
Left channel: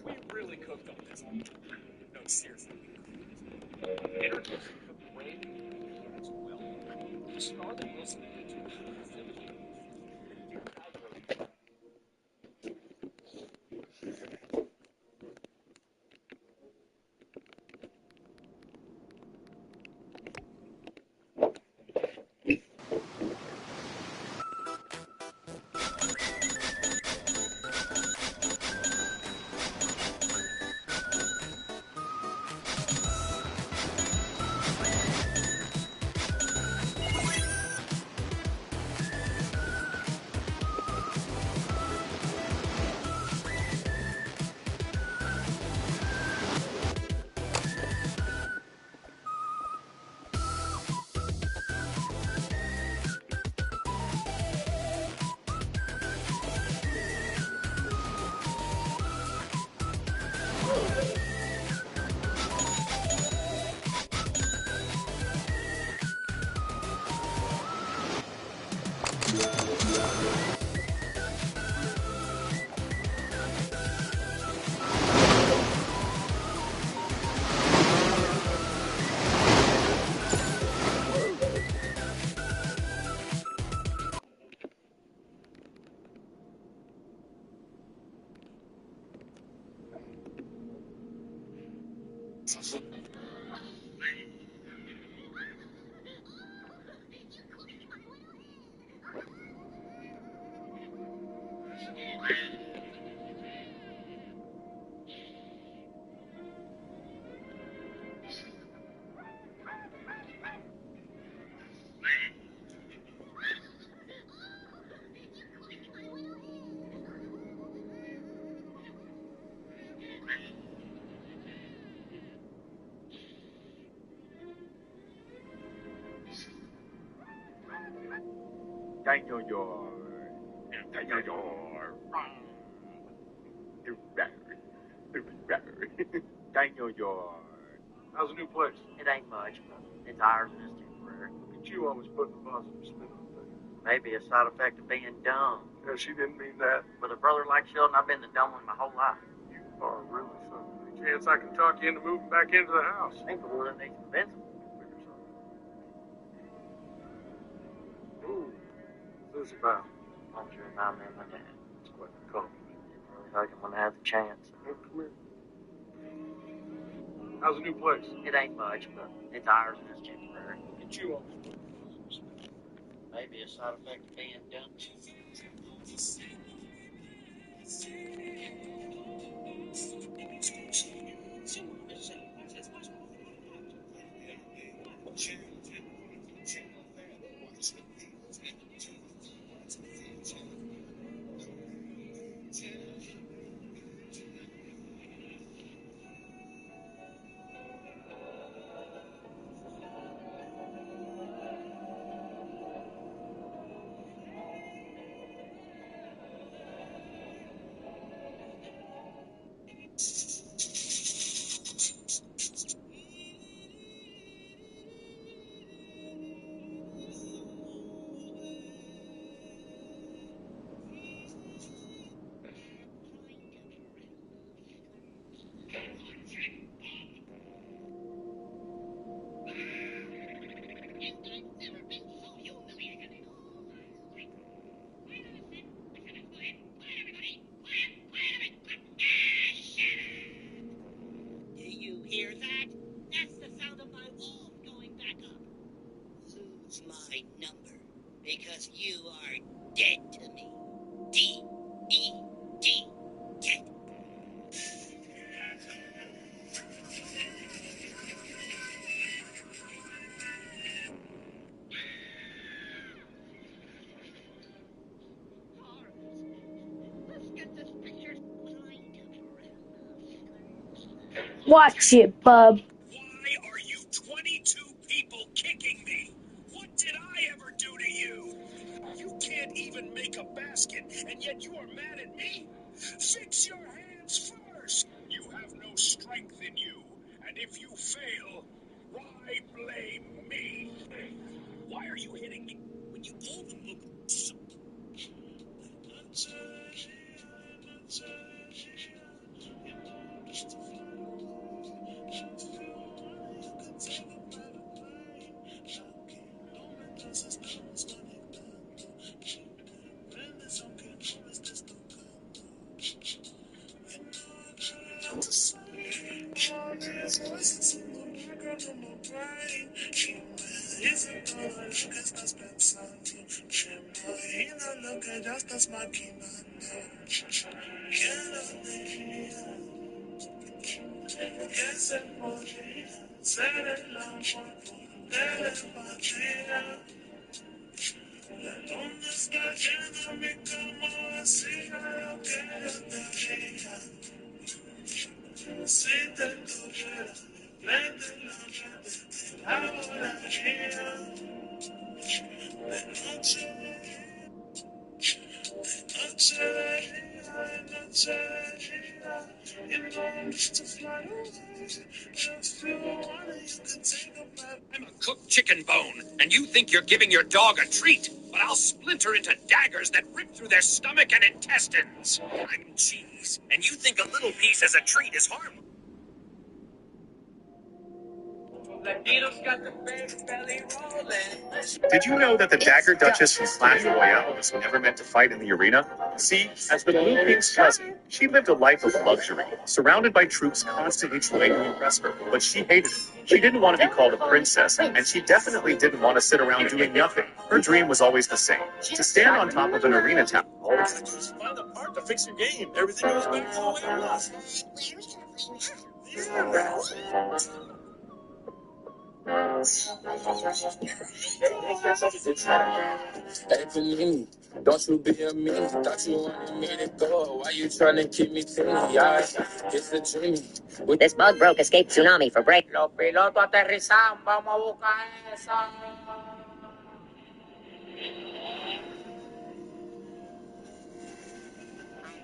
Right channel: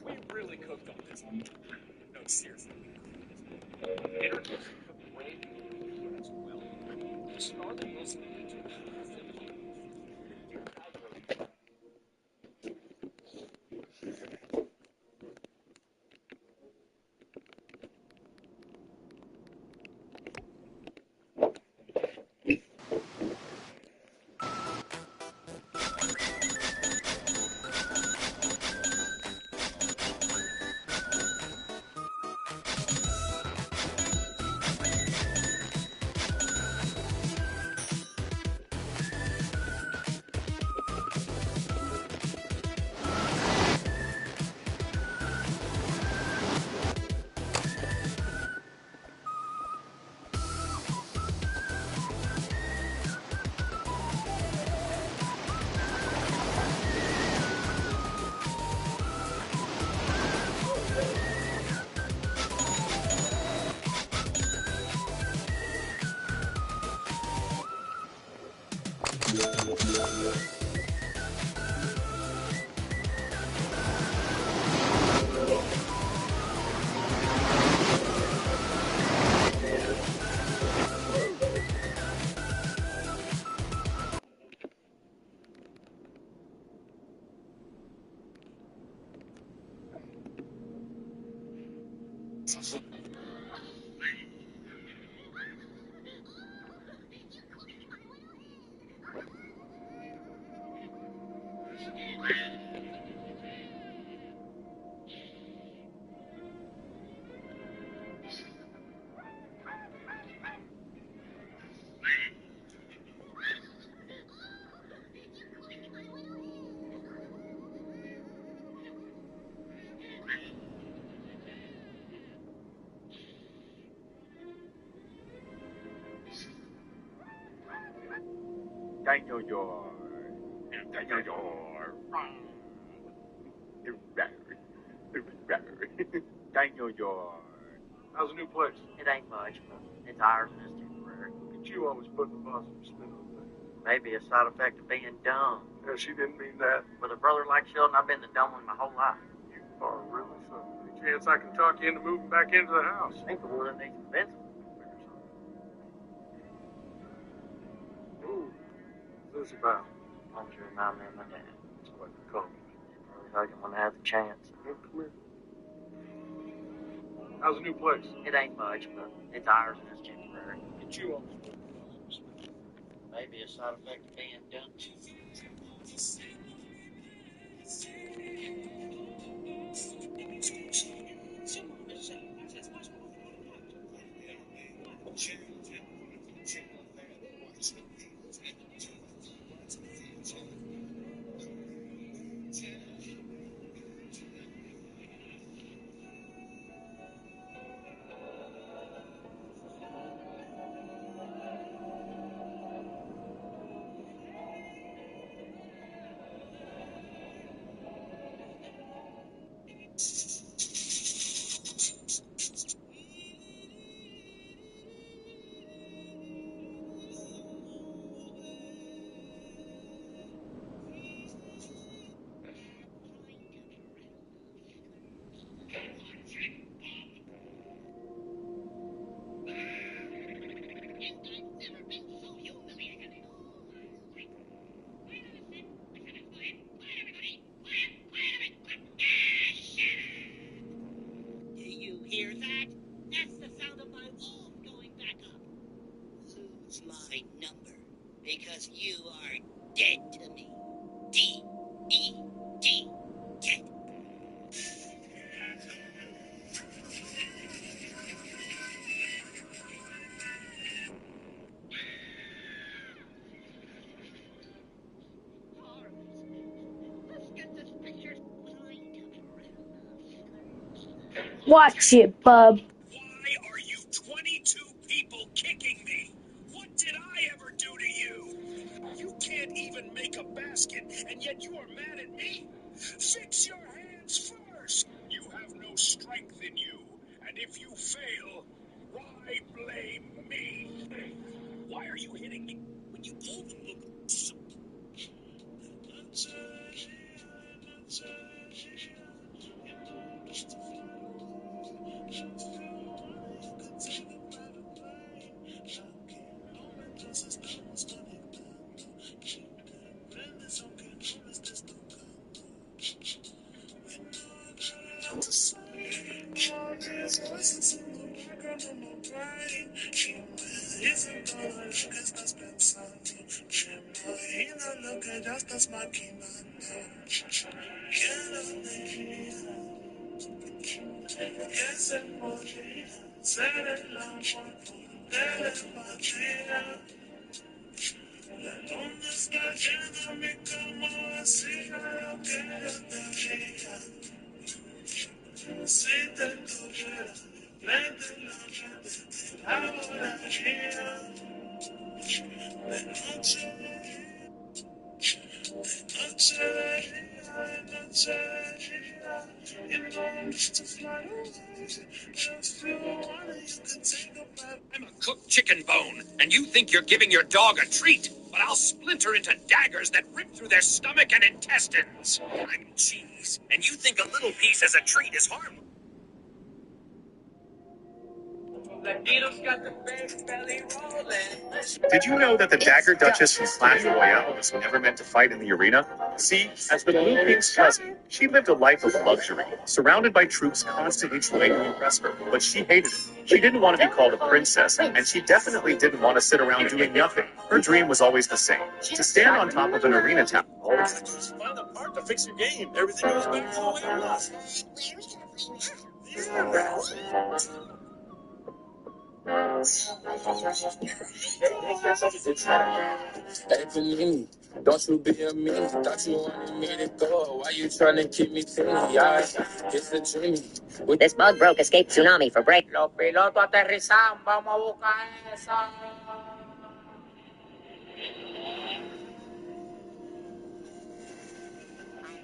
We really cooked on this one. No, seriously, we cooked this one. Introducing the brand new BTX Well Done. A Scarlett Wilson made in 1786 with a dip-dye rating. Daniel Yard. Daniel Yard. Daniel Yard. How's the new place? It ain't much, but it's ours and it's temporary. Look at you always putting a positive spin on things. Maybe a side effect of being dumb. Yeah, she didn't mean that. With a brother like Sheldon, I've been the dumb one my whole life. You are really something. Any chance I can talk you into moving back into the house? Ain't the one that needs convincing. Ooh, what's this about? Why don't you remind me of my dad? It's quite a compliment. Really hug him when I have the chance. Well, come here. How's the new place? It ain't much, but it's ours and it's temporary. Look at you always putting a positive spin on things. Maybe a side effect of being dumb. Hear that? That's the sound of my wolf going back up. Lose my number, because you are dead to me. D-E-D, dead. Let's get this picture. Watch it, bub. Why are you 22 people kicking me? What did I ever do to you? You can't even make a basket, and yet you are mad at me? Fix your hands first. You have no strength in you, and if you fail, why blame me? Why are you hitting me when you pull the book? I'm a cooked chicken bone, and you think you're giving your dog a treat, but I'll splinter into daggers that rip through their stomach and intestines. I'm cheese, and you think a little piece as a treat is harmless. Did you know that the Dagger Duchess from Clash Royale was never meant to fight in the arena? See, as the Blue King's cousin, she lived a life of luxury, surrounded by troops constantly trying to impress her, but she hated it. She didn't want to be called a princess, and she definitely didn't want to sit around doing nothing. Her dream was always the same, to stand on top of an arena tower. All you have to do is find a part to fix your game. Everything goes back to the way it was. Where are we gonna play now? Hey, Panini, don't you be a mean. Thought you wanted me to go. Why you trying to keep me teeny? Yeah, it's the dreamy. This bug broke escape tsunami for break. Los pilotos aterrizan, vamos a buscar eso.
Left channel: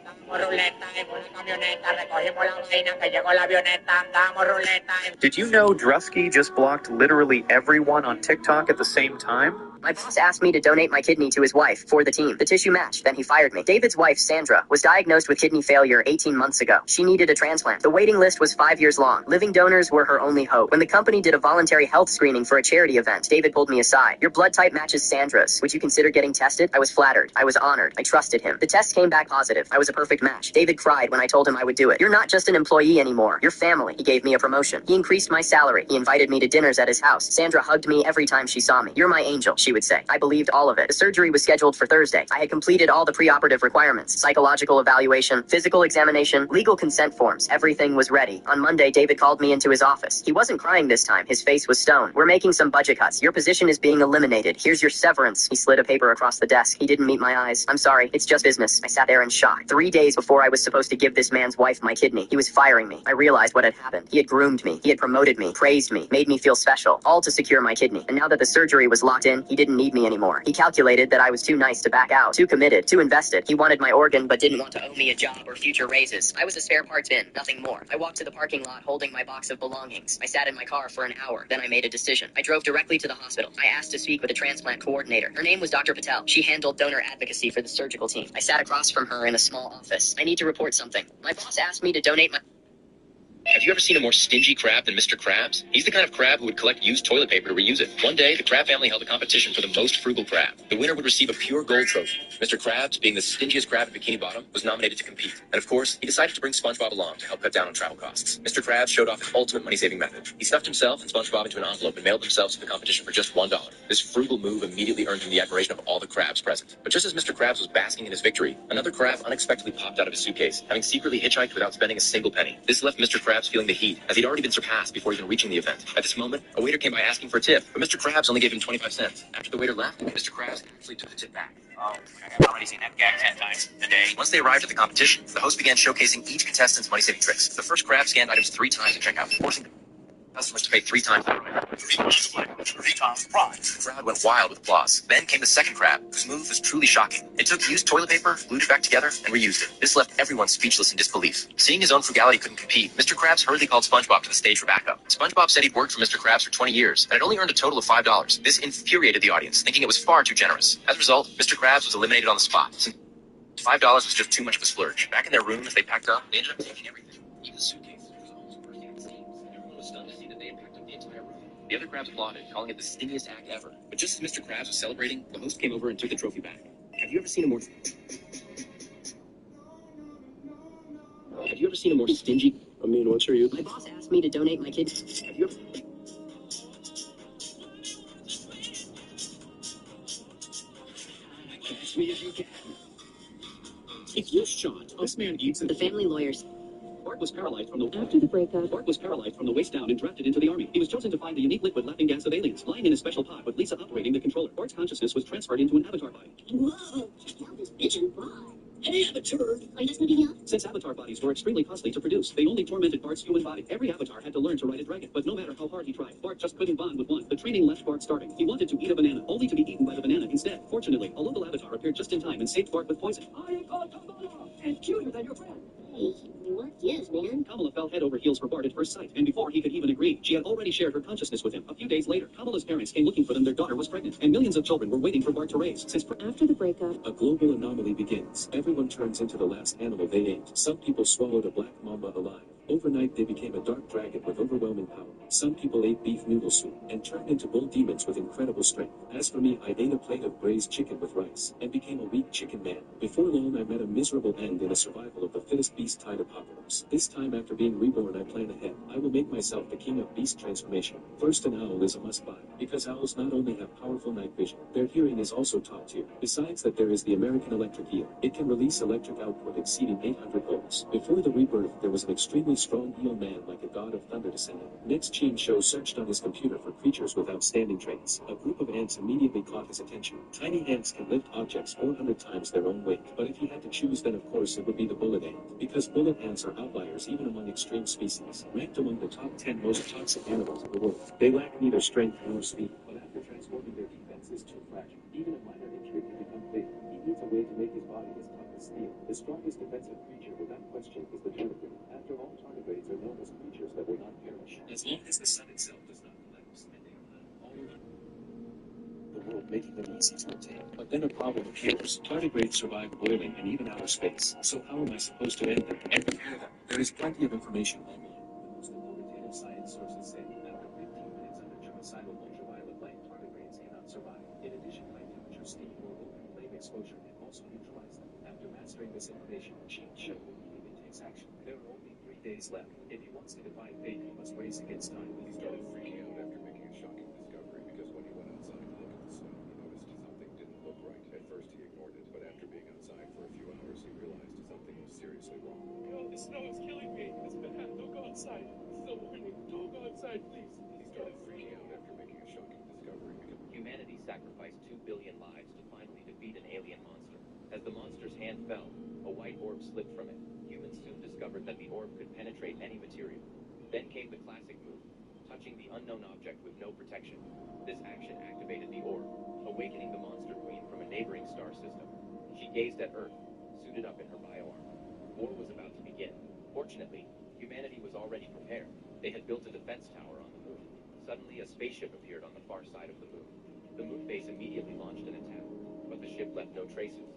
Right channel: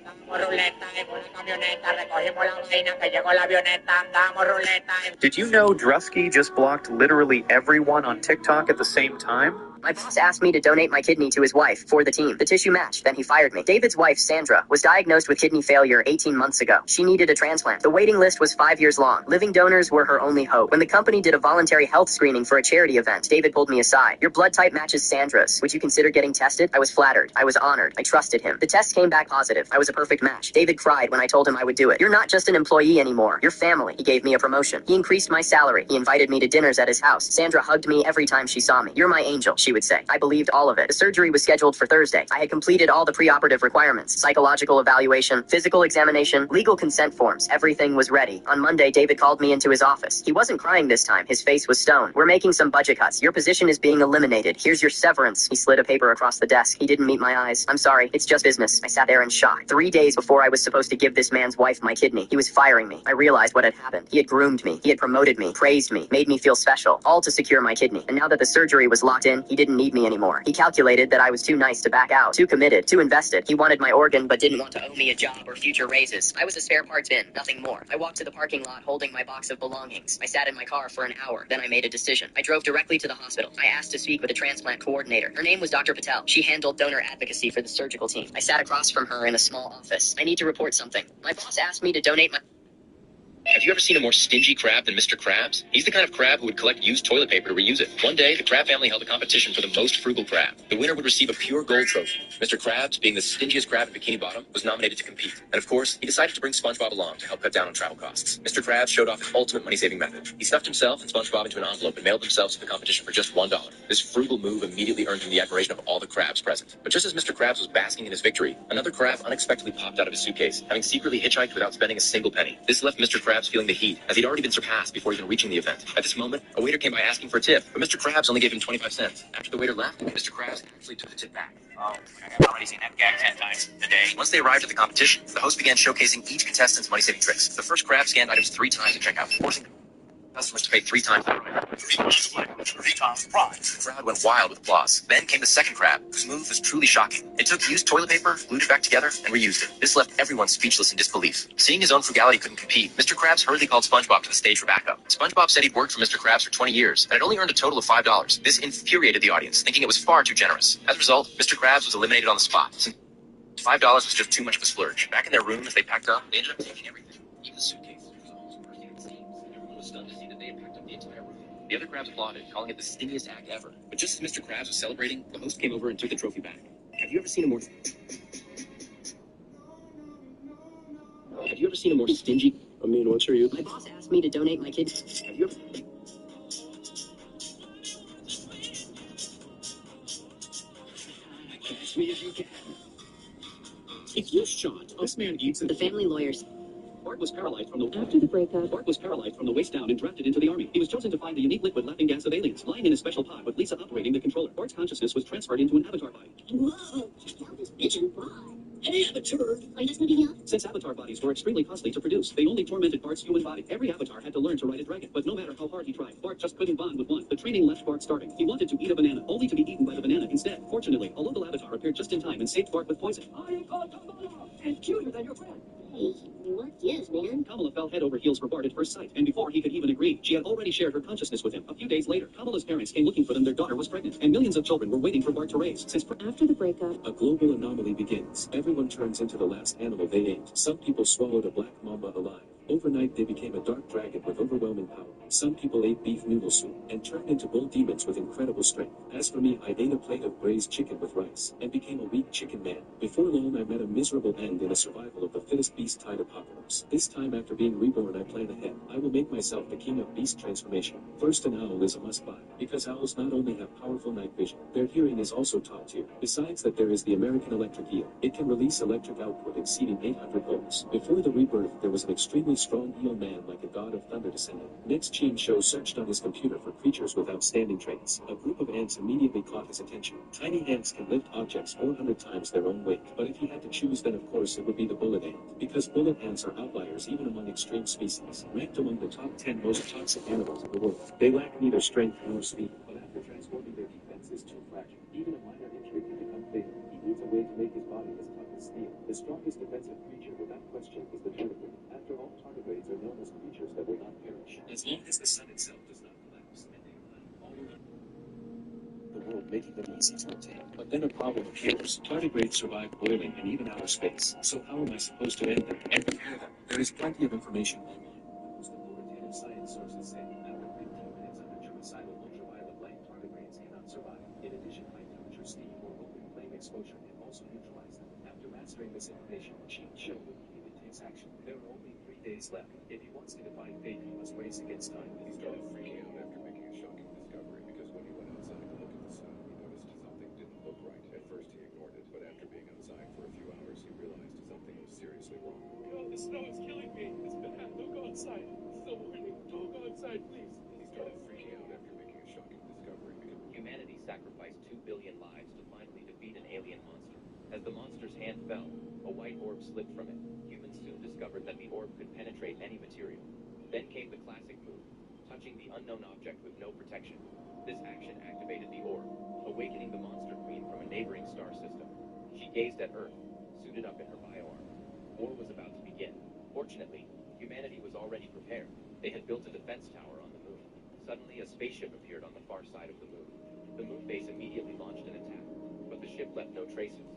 Andamos ruleta en una camioneta, recogimos la vaina que llegó la avioneta, andamos ruleta en... Did you know Drusky just blocked literally everyone on TikTok at the same time? My boss asked me to donate my kidney to his wife for the team. The tissue matched, then he fired me. David's wife, Sandra, was diagnosed with kidney failure 18 months ago. She needed a transplant. The waiting list was 5 years long. Living donors were her only hope. When the company did a voluntary health screening for a charity event, David pulled me aside. Your blood type matches Sandra's. Would you consider getting tested? I was flattered. I was honored. I trusted him. The test came back positive. I was a perfect match. David cried when I told him I would do it. You're not just an employee anymore. You're family. He gave me a promotion. He increased my salary. He invited me to dinners at his house. Sandra hugged me every time she saw me. You're my angel, she would say. I believed all of it. The surgery was scheduled for Thursday. I had completed all the preoperative requirements, psychological evaluation, physical examination, legal consent forms. Everything was ready. On Monday, David called me into his office. He wasn't crying this time. His face was stone. We're making some budget cuts. Your position is being eliminated. Here's your severance. He slid a paper across the desk. He didn't meet my eyes. I'm sorry. It's just business. I sat there in shock. 3 days before I was supposed to give this man's wife my kidney, he was firing me. I realized what had happened. He had groomed me. He had promoted me, praised me, made me feel special, all to secure my kidney. And now that the surgery was locked in, he didn't need me anymore. He calculated that I was too nice to back out, too committed, too invested. He wanted my organ, but didn't want to owe me a job or future raises. I was a spare parts bin, nothing more. I walked to the parking lot holding my box of belongings. I sat in my car for an hour. Then I made a decision. I drove directly to the hospital. I asked to speak with a transplant coordinator. Her name was Dr. Patel. She handled donor advocacy for the surgical team. I sat across from her in a small office. I need to report something. My boss asked me to donate my... Have you ever seen a more stingy crab than Mr. Krabs? He's the kind of crab who would collect used toilet paper to reuse it. One day, the Crab family held a competition for the most frugal crab. The winner would receive a pure gold trophy. Mr. Krabs, being the stingiest crab in Bikini Bottom, was nominated to compete. And of course, he decided to bring SpongeBob along to help cut down on travel costs. Mr. Krabs showed off his ultimate money-saving method. He stuffed himself and SpongeBob into an envelope and mailed themselves to the competition for just $1. This frugal move immediately earned him the admiration of all the crabs present. But just as Mr. Krabs was basking in his victory, another crab unexpectedly popped out of his suitcase, having secretly hitchhiked without spending a single penny. This left Mr. Krabs feeling the heat, as he'd already been surpassed before even reaching the event. At this moment, a waiter came by asking for a tip, but Mr. Krabs only gave him 25 cents. After the waiter left, Mr. Krabs actually took the tip back. Oh, I've already seen that gag 10 times today. Once they arrived at the competition, the host began showcasing each contestant's money-saving tricks. The first crab scanned items 3 times at checkout, forcing customers to pay 3 times. 3 times the price. The crowd went wild with applause. Then came the second crab, whose move was truly shocking. It took used toilet paper, glued it back together, and reused it. This left everyone speechless in disbelief. Seeing his own frugality couldn't compete, Mr. Krabs hurriedly called SpongeBob to the stage for backup. SpongeBob said he'd worked for Mr. Krabs for 20 years, and had only earned a total of $5. This infuriated the audience, thinking it was far too generous. As a result, Mr. Krabs was eliminated on the spot, since $5 was just too much of a splurge. Back in their room, as they packed up, they ended up taking everything, even the suitcase, which was almost bursting at the seams. Everyone was stunned to see that they had packed up the entire room. The other crabs applauded, calling it the stingiest act ever. But just as Mr. Krabs was celebrating, the host came over and took the trophy back. Have you ever seen a more stingy? I mean, what's your youth? My boss asked me to donate my kidney. Have you ever... Catch me if you can. If you shot, this man eats it. The family lawyers. Bart was paralyzed from the... After the breakup, Bart was paralyzed from the waist down and drafted into the army. He was chosen to find the unique liquid laughing gas of aliens, lying in a special pod with Lisa operating the controller. Bart's consciousness was transferred into an avatar body. Whoa, check out this vision. Why? Hey, Avatar! Are you guys gonna be young? Since avatar bodies were extremely costly to produce, they only tormented Bart's human body. Every avatar had to learn to ride a dragon, but no matter how hard he tried, Bart just couldn't bond with one. The training left Bart starving. He wanted to eat a banana, only to be eaten by the banana instead. Fortunately, a local avatar appeared just in time and saved Bart with poison. I am called Kamala, and cuter than your friend. Hey, what gives, man? Kamala fell head over heels for Bart at first sight, and before he could even agree, she had already shared her consciousness with him. A few days later, Kamala's parents came looking for them. Their daughter was pregnant, and millions of children were waiting for Bart to raise. After the breakup, A global anomaly begins. Everyone turns into the last animal they ate. Some people swallowed a black mamba alive. Overnight, they became a dark dragon with overwhelming power. Some people ate beef noodle soup and turned into bull demons with incredible strength. As for me, I ate a plate of braised chicken with rice and became a weak chicken man. Before long, I met a miserable end in a survival of the fittest beast-type apocalypse. This time, after being reborn, I plan ahead. I will make myself the king of beast transformation. First, an owl is a must-buy, because owls not only have powerful night vision, their hearing is also top tier. Besides that, there is the American electric eel. It can release electric output exceeding 800 volts. Before the rebirth, there was an extremely strong eel man like a god of thunder descending. Next, Gene Show searched on his computer for creatures with outstanding traits. A group of ants immediately caught his attention. Tiny ants can lift objects 400 times their own weight. But if he had to choose, then of course it would be the bullet ant. Because bullet ants are outliers even among extreme species, ranked among the top 10 most toxic animals in the world. They lack neither strength nor speed, but after transforming, their defense is too fragile. Even a minor injury can become fatal. He needs a way to make his body as tough as steel. The strongest defensive creature without question is the tardigrade. After all, tardigrades are known as creatures that will not perish, as long as the sun itself does not collapse, and they are all around the world, making them easy to obtain. But then a problem appears. Tardigrades survive boiling and even outer space. So how am I supposed to end them and repair them? There is plenty of information online. The most authoritative science sources say after 15 minutes under germicidal ultraviolet light, tardigrades cannot survive. In addition, high temperature steam or open flame exposure can also neutralize them. After mastering this information, Gene Show immediately takes action. There are only 3 days left. If he wants to defy fate, he must race against time. He started freaking out after making a shocking discovery, because when he went outside to look at the snow, he noticed something didn't look right. At first he ignored it, but after being outside for a few hours, he realized something was seriously wrong. God, the snow is killing me. It's bad. Don't go outside. This is a warning. Don't go outside, please. He started freaking out after making a shocking discovery, because Humanity sacrificed 2 billion lives to finally defeat an alien monster. As the monster's hand fell, a white orb slipped from it. Humans soon discovered that the orb could penetrate any material. Then came the classic move, touching the unknown object with no protection. This action activated the orb, awakening the monster queen from a neighboring star system. She gazed at Earth, suited up in her bioarmor. War was about to begin. Fortunately, humanity was already prepared. They had built a defense tower on the moon. Suddenly, a spaceship appeared on the far side of the moon. The moon base immediately launched an attack, but the ship left no traces.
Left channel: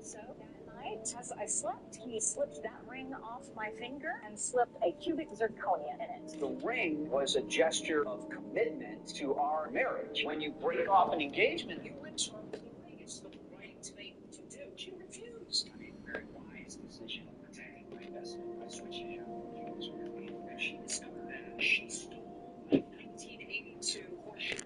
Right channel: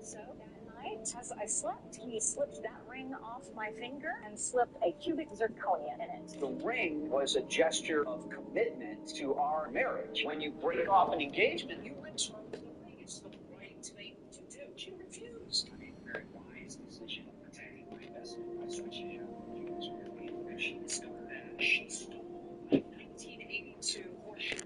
So that night, as I slept, he slipped that ring off my finger and slipped a cubic zirconia in it. The ring was a gesture of commitment to our marriage. When you break off an engagement, you return the ring. It's the right thing to do. She refused. I made a very wise decision of protecting my investment by switching out the cubic zirconia. When she discovered that, she stole a 1982 Porsche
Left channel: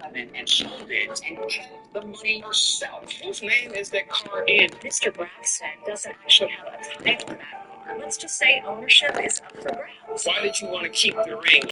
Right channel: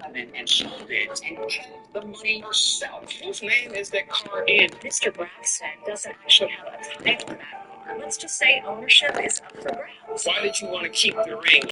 911 and sold it and kept the money herself. Whose name is that car in? Mr. Braxton doesn't actually have a title for that car. Let's just say ownership is up for grabs. Why did you want to keep the ring?